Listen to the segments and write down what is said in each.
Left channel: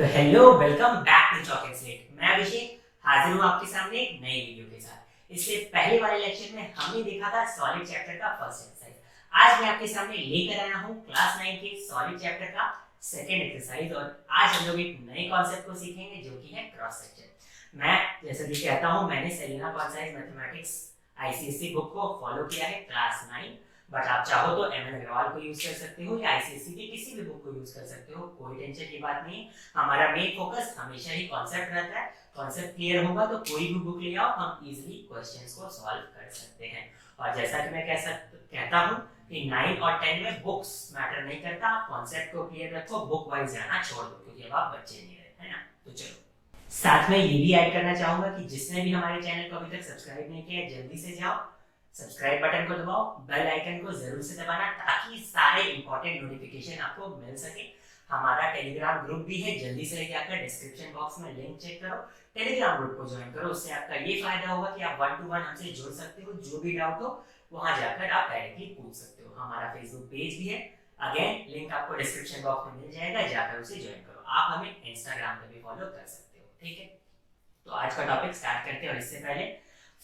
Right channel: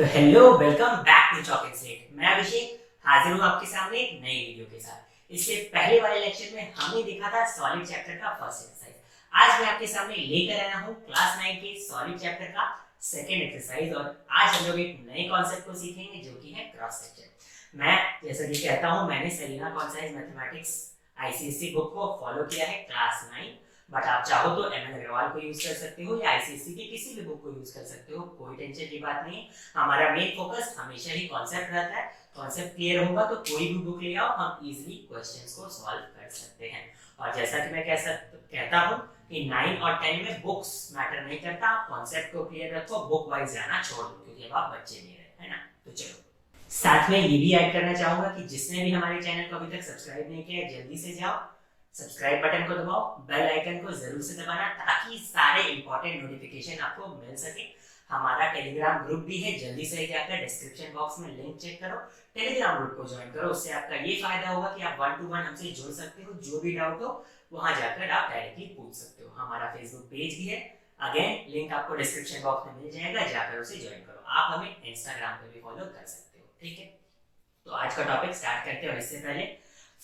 तो hello, welcome back to Chalk and Slate. मैं अभिषेक हाजिर हूँ आपके सामने एक नई वीडियो के साथ। इससे पहले वाले लेक्चर में हमने देखा था सॉलिड चैप्टर का फर्स्ट एक्सरसाइज। आज मैं आपके सामने लेकर आया हूँ क्लास 9 के सॉलिड चैप्टर का सेकंड एक्सरसाइज और आज हम लोग एक नए कॉन्सेप्ट को सीखेंगे जो कि है क्रॉस सेक्शन। मैं जैसा कि कहता हूँ, मैंने Selina concise mathematics ICSC book को फॉलो किया है क्लास 9, बट आप चाहो तो एमएन अग्रवाल को यूज कर सकते हो या आईसीएससी की किसी भी बुक को यूज कर सकते हो। कोई टेंशन की बात नहीं। हमारा मेन फोकस हमेशा ही कॉन्सेप्ट रहता है। कॉन्सेप्ट क्लियर होगा तो कोई भी बुक ले आओ, हम इजीली क्वेश्चंस को सॉल्व कर सकते हैं। और जैसा कि मैं कहता हूँ कि 9 और 10 में बुक्स मैटर नहीं करता, आप कॉन्सेप्ट को क्लियर रखो, बुक वाइज जाना छोड़ दो क्योंकि अब आप बच्चे नहीं रहे, है ना। तो चलो, साथ में ये भी ऐड करना चाहूंगा कि जिसने भी हमारे चैनल को अभी तक सब्सक्राइब नहीं किया है, जल्दी से जाओ, सब्सक्राइब बटन को दबाओ, बेल आइकन को जरूर से दबाना ताकि सारे इंपॉर्टेंट नोटिफिकेशन आपको मिल सके। हमारा टेलीग्राम ग्रुप भी है, जल्दी से जाकर डिस्क्रिप्शन बॉक्स में लिंक चेक करो, टेलीग्राम ग्रुप को ज्वाइन करो। उससे आपका ये फायदा होगा कि आप 1 to 1 हमसे जुड़ सकते हो, जो भी डाउट हो वहां जाकर आप डायरेक्टली पूछ सकते हो। हमारा फेसबुक पेज भी है, अगेन लिंक आपको डिस्क्रिप्शन बॉक्स में मिल जाएगा, जाकर उसे ज्वाइन करो। आप हमें इंस्टाग्राम पे भी फॉलो कर सकते हो, ठीक है। तो आज का टॉपिक स्टार्ट करते हैं और इससे पहले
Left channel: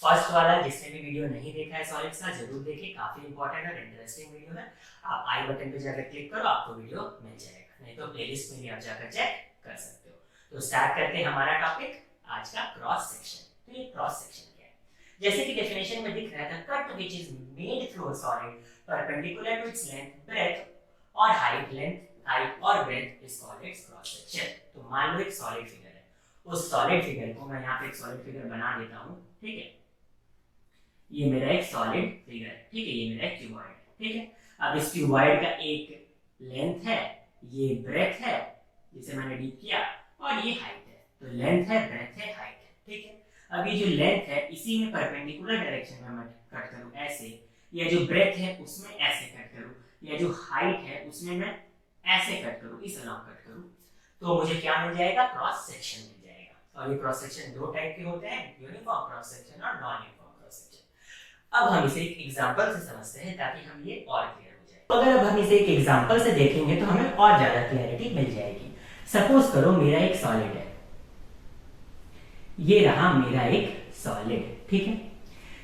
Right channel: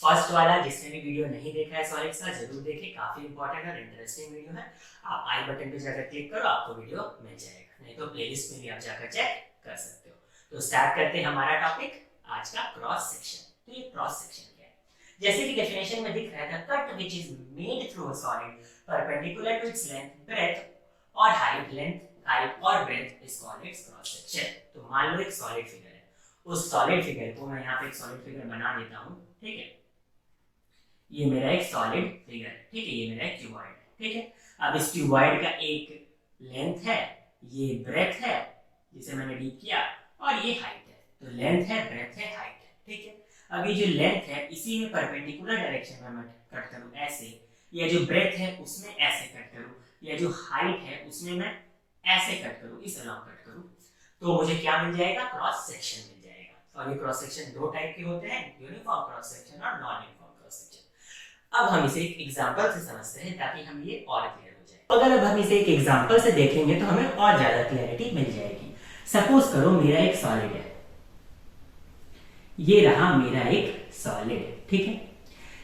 फर्स्ट वाला जिसने भी वीडियो नहीं देखा है सॉलिड का, जरूर देखें, काफी इंपॉर्टेंट और इंटरेस्टिंग वीडियो है। आप आई बटन पे जाकर क्लिक करो, आपको वीडियो मिल जाएगा, नहीं तो प्लेलिस्ट में भी आप जाकर चेक कर सकते हो। तो स्टार्ट करते हैं हमारा टॉपिक आज का, क्रॉस सेक्शन। तो ये क्रॉस सेक्शन क्या है? जैसे कि डेफिनेशन में दिख रहा था, cut which is made through a solid perpendicular to its length, breadth और हाइट और breadth is called its cross section. तो मान लो एक सॉलिड फिगर है, उस सॉलिड फिगर को मैं यहाँ पे एक सॉलिड फिगर बना देता हूँ, ठीक है। ये मेरा एक सॉलिड फिगर है, ठीक है। ये मेरा एक क्यूबॉइड है, ठीक है। अब इस क्यूबॉइड का एक लेंथ है, ये ब्रेथ है जिसे मैंने डीप किया, और ये हाइट है। तो लेंथ है, ब्रेथ है, हाइट है, ठीक है। अब ये जो लेंथ है इसी में परपेंडिकुलर डायरेक्शन में मैं कट करूं ऐसे, या जो ब्रेथ है उसमें ऐसे कट करूं, या जो हाइट है उसमें मैं ऐसे कट करूं, इस अलॉन्ग कट करूं, तो मुझे क्या मिल जाएगा? क्रॉस सेक्शन मिल जाएगा। और ये क्रॉस सेक्शन दो टाइप के होते हैं, यूनिफॉर्म क्रॉस सेक्शन और नॉन यूनिफॉर्म क्रॉस सेक्शन। अब हम इसे एक एग्जांपल से समझते हैं ताकि हम ये और क्लियर हो जाए। अगर अब हम इसे एक एग्जांपल से देखेंगे तो हमें और ज्यादा क्लैरिटी मिल जाएगी। सपोज करो मेरा एक सॉलिड है, ये रहा मेरा एक सॉलिड, ठीक है।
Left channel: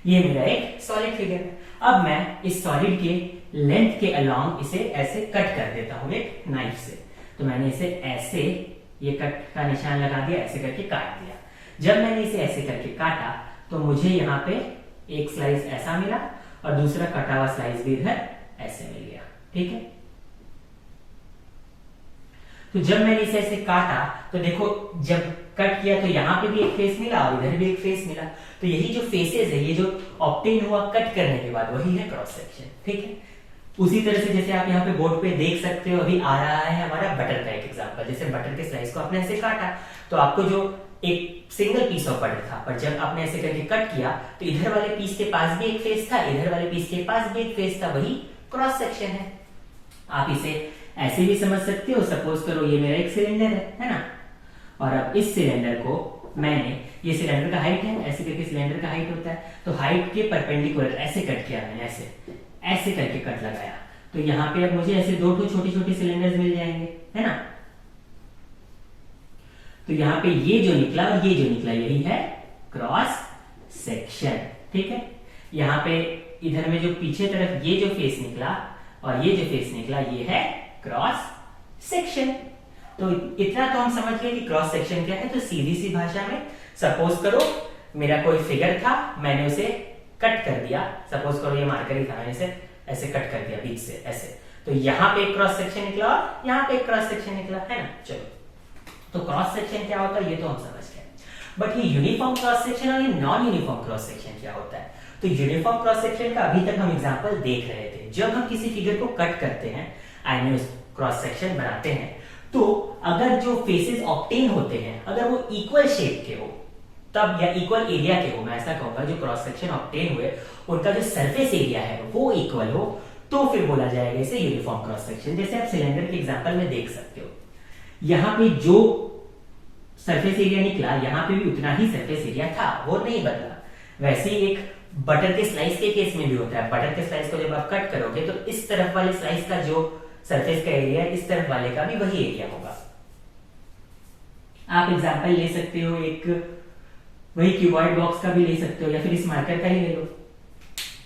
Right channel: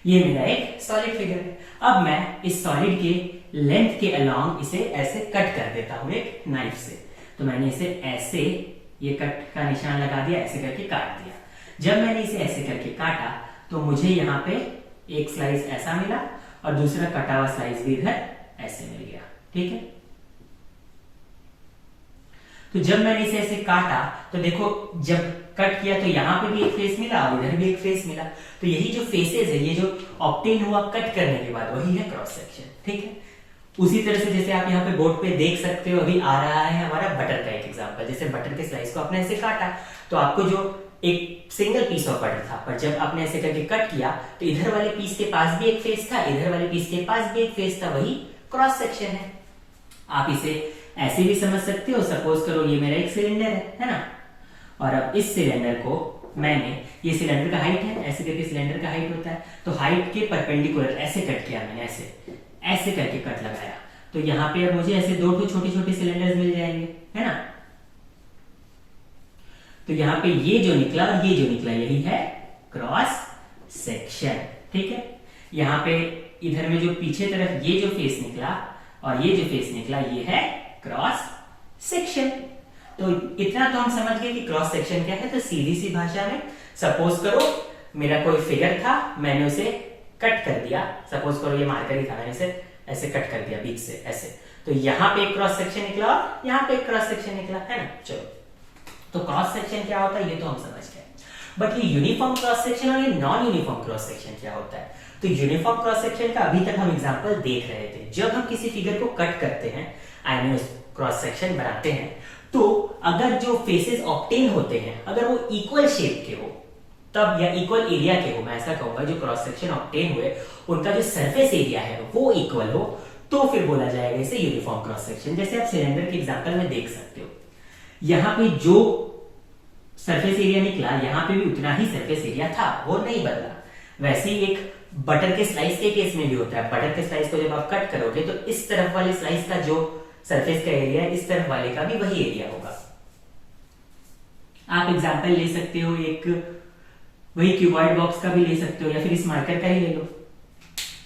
ये मेरा एक सॉलिड फिगर है। अब मैं इस सॉलिड के लेंथ के अलोंग इसे ऐसे कट कर देता हूं एक नाइफ से। तो मैंने इसे ऐसे, ये कट का निशान लगा दिया, ऐसे करके काट दिया। जब मैंने इसे ऐसे करके काटा तो मुझे यहाँ पे एक स्लाइस ऐसा मिला और दूसरा कटा हुआ स्लाइस भी इधर ऐसे मिल गया, ठीक है। तो जब मैंने इसे ऐसे काटा तो देखो, जब कट किया तो यहाँ पे भी एक फेस मिला और इधर भी एक फेस मिला। तो यही जो फेसेस है, ये जो ऑब्टेन हुआ कट करने के बाद, वही है क्रॉस सेक्शन, ठीक है। उसी तरह से जैसे आप यहाँ पे बोर्ड पे देख सकते हो, अभी आ रहा है हमारा बटर का एक एग्जांपल। जैसे बटर के स्लाइस को आपने ऐसे काटा तो आपको जो एक सिंगल पीस ऑफ बटर था, पर जब आपने ऐसे करके कट किया तो इधर वाले पीस के पास भी एक फेस था, इधर वाले पीस के पास भी एक फेस था, वही क्रॉस सेक्शन है। आप इसे ऐसे भी समझ सकते हो। सपोज करो ये मेरा एक सिलेंडर है ना। और अब इस सिलेंडर को मैंने, ये सिलेंडर का हाइट है, ऐसे करके सिलेंडर का हाइट होता है, तो हाइट के परपेंडिकुलर ऐसे कट किया मैंने, ऐसे करके कट लगाया। तो यहाँ पे अब मुझे ऐसे दो छोटे छोटे सिलेंडर्स मिल जाएंगे, है ना। तो यहाँ पे ये जो निकला और ये जो निकला, यही है क्रॉस सेक्शन, ठीक है। यहाँ पे इधर में जो पीछे तरफ ये जो फेस निकला और ये जो फेस निकला, ये है क्रॉस सेक्शन। तो इतना तो हम समझ गए कि क्रॉस सेक्शन क्या है। तो सीधी सी भाषा में, सपोज करो मेरा कोई फिगर था, मैंने उसे कट कर दिया। सपोज करो ये मार्कर ही था, मैंने इसे ऐसे कट कर दिया बीच से ऐसे, तो यहाँ पे एक क्रॉस सेक्शन निकला और यहाँ पे एक क्रॉस सेक्शन निकला, है ना। चलो, तो क्रॉस सेक्शन क्या होता है ये तो हम समझ गए, बट ये यूनिफॉर्म क्रॉस सेक्शन और ये नॉन यूनिफॉर्म क्रॉस सेक्शन क्या होता है? तो यूनिफॉर्म क्रॉस सेक्शन का अभी तक हम एग्जांपल देख रहे थे। जब हम किसी फिगर को कट करते हैं, आई मीन क्रॉस सेक्शन बनाते हैं, तो अगर जो फेसेस ऑब्टेन होते हैं अगर वो इक्वल शेप के हो तब, या इक्वल एरिया के हो, मैं ऐसा कहूंगा, जो क्रॉस सेक्शन ऑब्टेन हुए उनका जो सरफेस एरिया है वो इक्वल हो, तो फिर बोला जाएगा इसे यूनिफॉर्म क्रॉस सेक्शन। जैसे आप सिलेंडर के एग्जांपल में देख सकते हो, यहाँ पे जो सरफेस एरिया निकला, यहाँ पे भी उतना ही सरफेस एरिया था, वो नहीं बदला। वैसे ही एक बटर के स्लाइस के केस में भी होता है। बटर के स्लाइस को जब आप कट करोगे तो इस तरफ वाले स्लाइस का जो सरफेस का एरिया, इस तरफ वाले का भी वही एरिया होगा। आप एग्जाम्पल ले सकते हो, एक वही क्यूबॉइड बॉक्स का भी ले सकते हो या फिर इस मार्कर का ही ले लो।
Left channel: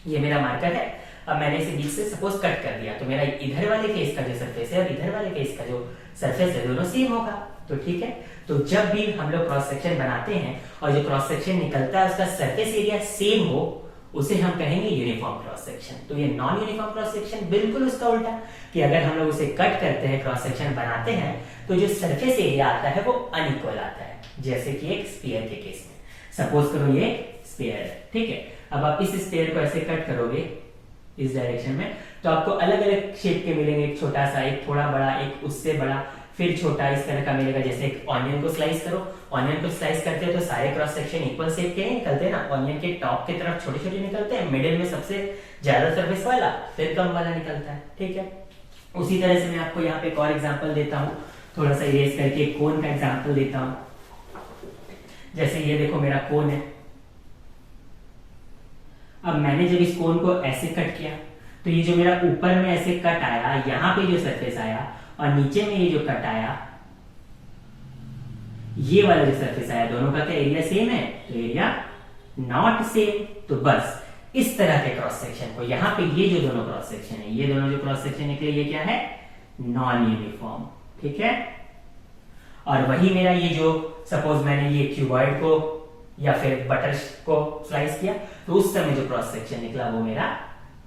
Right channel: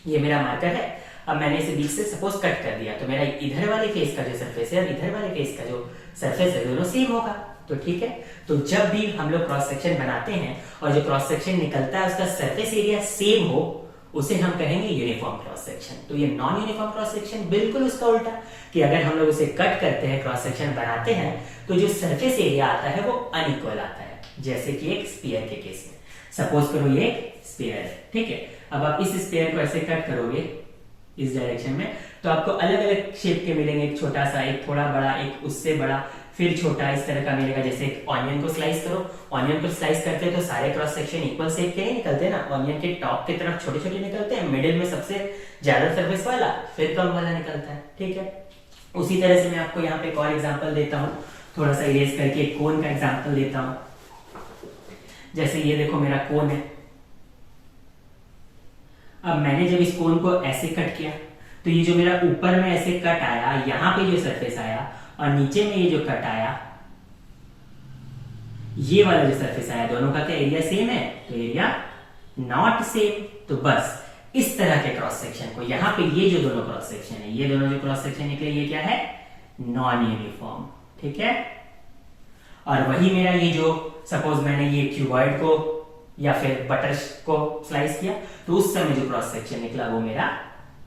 ये मेरा मार्कर है, अब मैंने इसे बीच से सपोज कट कर दिया तो मेरा इधर वाले फेस का जो सरफेस है और इधर वाले फेस का जो सरफेस है दोनों सेम होगा। तो ठीक है, तो जब भी हम लोग क्रॉस सेक्शन बनाते हैं और जो क्रॉस सेक्शन निकलता है उसका सरफेस एरिया सेम हो, उसे हम कहेंगे यूनिफॉर्म क्रॉस सेक्शन। तो ये नॉन यूनिफॉर्म क्रॉस सेक्शन बिल्कुल उसका उल्टा, कि अगर हम लोग उसे कट करते हैं, क्रॉस सेक्शन बनाते हैं, तो जो सरफेस एरिया आता है वो अनइक्वल आता है, जैसे कि एक स्फीयर के केस में। सपोज करो ये स्फीयर है, ठीक है। अब आप इस स्फीयर को ऐसे कट करोगे इस डायरेक्शन में, तो आपको अलग अलग शेप के मिलेंगे, एक छोटा सा, एक थोड़ा बड़ा, एक उससे बड़ा, फिर छोटा, इस तरह का मिलेगा। जैसे एक ऑनियन को स्लाइस करो, ऑनियन को स्लाइस करते हैं तो सारे क्रॉस सेक्शन इक्वल शेप के निकलते हैं ना। ऑनियन के टॉप की तरफ छोटे छोटे निकलते हैं, मिडिल में सबसे ज्यादा सरफेस वाला, फिर कम वाला निकलता है, ठीक है। उसी तरह से मैं आपको यहाँ पे एक और एग्जाम्पल देता हूँ, थोड़ा सा इरेज करके कोन का एग्जाम्पल देता हूँ। जैसे ये देखो मेरा कोन है, अब मैंने जब इस कोन को ऐसे कट किया तो ये जो मेरा ऊपर में ऐसे कट आया, यहां पे जो सरफेस आया और नीचे में ये जो कट आया, ये वाला जो सरफेस आया, दोनों का क्या एरिया सेम है? तो एरिया नॉट सेम। तो बस इस तरह के क्रॉस सेक्शन को, यहां पे ये जो दोनों क्रॉस सेक्शन है, ये दोनों जो क्रॉस सेक्शन निकले, ये क्या है? नॉन यूनिफॉर्म, ठीक है। और वही मेरा ये जो सपोज मैंने ये क्यूबॉइड को या फिर बटर को स्लाइस किया तो उस समय जो क्रॉस सेक्शन निकला वो मेरा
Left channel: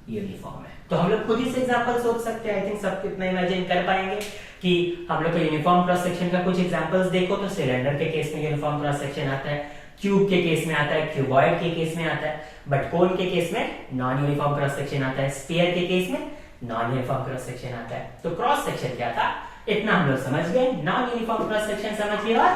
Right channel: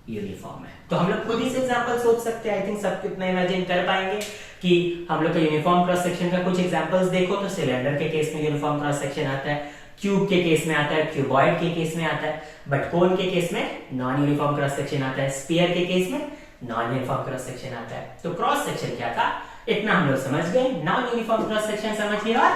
यूनिफॉर्म है। तो हम लोग खुद ही से एग्जांपल सोच सकते हैं। आई थिंक सब कितना इमेजिन कर पाएंगे कि हम लोग का यूनिफॉर्म क्रॉस सेक्शन का कुछ एग्जांपल्स देखो तो सिलेंडर के केस में यूनिफॉर्म क्रॉस सेक्शन आता है, क्यूब के केस में आता है, क्यूबॉइड के केस में आता है, बट कोन के केस में नॉन यूनिफॉर्म क्रॉस सेक्शन आता है, स्फीयर के केस में नॉन यूनिफॉर्म क्रॉस सेक्शन आता है। तो क्रॉस सेक्शन क्या था इतना हम लोग समझ गए, नॉन यूनिफॉर्म क्रॉस सेक्शन समझ गए और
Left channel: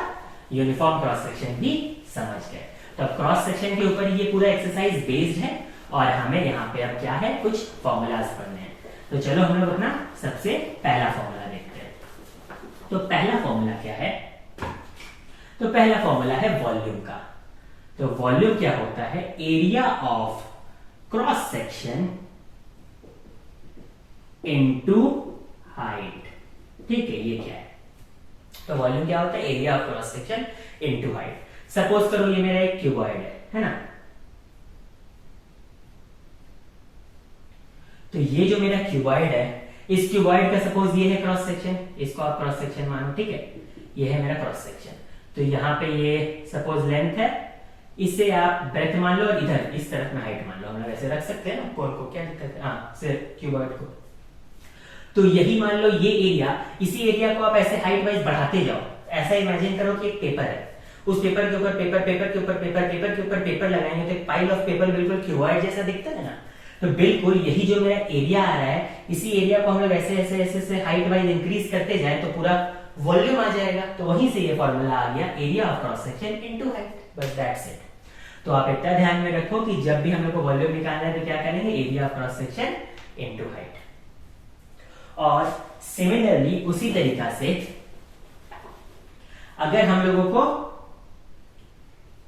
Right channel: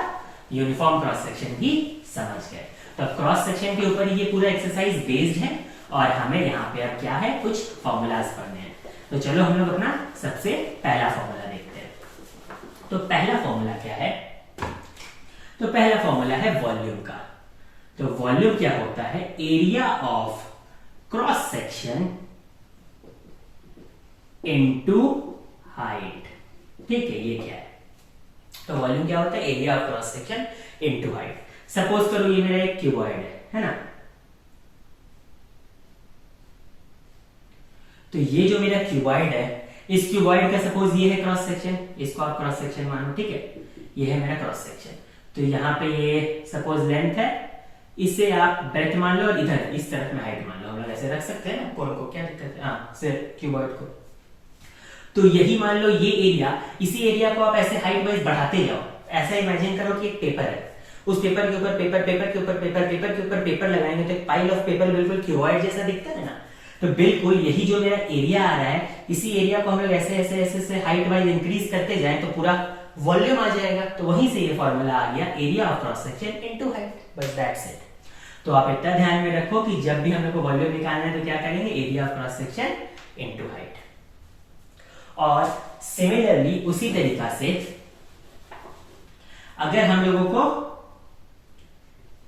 यूनिफॉर्म क्रॉस सेक्शन भी समझ गए। तो क्रॉस सेक्शन के ऊपर ये पूरा एक्सरसाइज बेस्ड है और हमें यहाँ पे अब क्या है, कुछ फॉर्मूलाज पढ़ने हैं। तो चलो हम लोग अपना सबसे पहला फॉर्मूला देखते हैं। तो पहला फॉर्मूला क्या है? तो पहला फॉर्मूला है वॉल्यूम का। तो वॉल्यूम क्या होता है? Area of cross section into height, ठीक है। ये क्या है? तो वॉल्यूम क्या होता है? Area of cross section into height. Suppose करो ये मेरा एक क्यूबॉइड है ना। तो ये जो मेरा क्यूबॉइड है, इस क्यूबॉइड का सपोज ये है क्रॉस सेक्शन, इसको आप क्रॉस सेक्शन मानो, ठीक है। ये है मेरा क्रॉस सेक्शन। तो यहाँ पे ये सपोज लेंथ है, इसे आप ब्रेथ मान लो और इधर इस तरफ में हाइट मान लो। हम लोग ऐसे रख सकते हैं ना कोन को, क्या दिक्कत है? हाँ, सिर्फ क्यूबॉइड को। तो यही मान लो ये एरिया, इसी एरिया को आप ऐसे हाइट वाइज बढ़ाते जाओ। ऐसा इमेजिन करो कि एक पेपर है, उस पेपर के ऊपर पेपर, पेपर के ऊपर पेपर, पेपर के ऊपर पेपर लगाएंगे तो एक पाइल ऑफ पेपर बिल्कुल क्यूबॉइड जैसा दिखता है ना। तो बिल्कुल यही जो मेरा एरिया आ रहा है, इसी एरिया को हम लोग ऐसे ऐसे ऐसे ऐसे हाइट वाइज इंक्रीज करते जाए तो पूरा वॉल्यूम आ जाएगा। तो वहीं से ये फॉर्मूला आ गया, area of cross section into height, बस दैट्स इट। तो आप इतना ध्यान में रखो कि जब भी हम लोग को वॉल्यूम निकालना है तो क्या करेंगे? Area of cross section into height. और सिमिलरली उसी तरीका से अगर हम लोगों को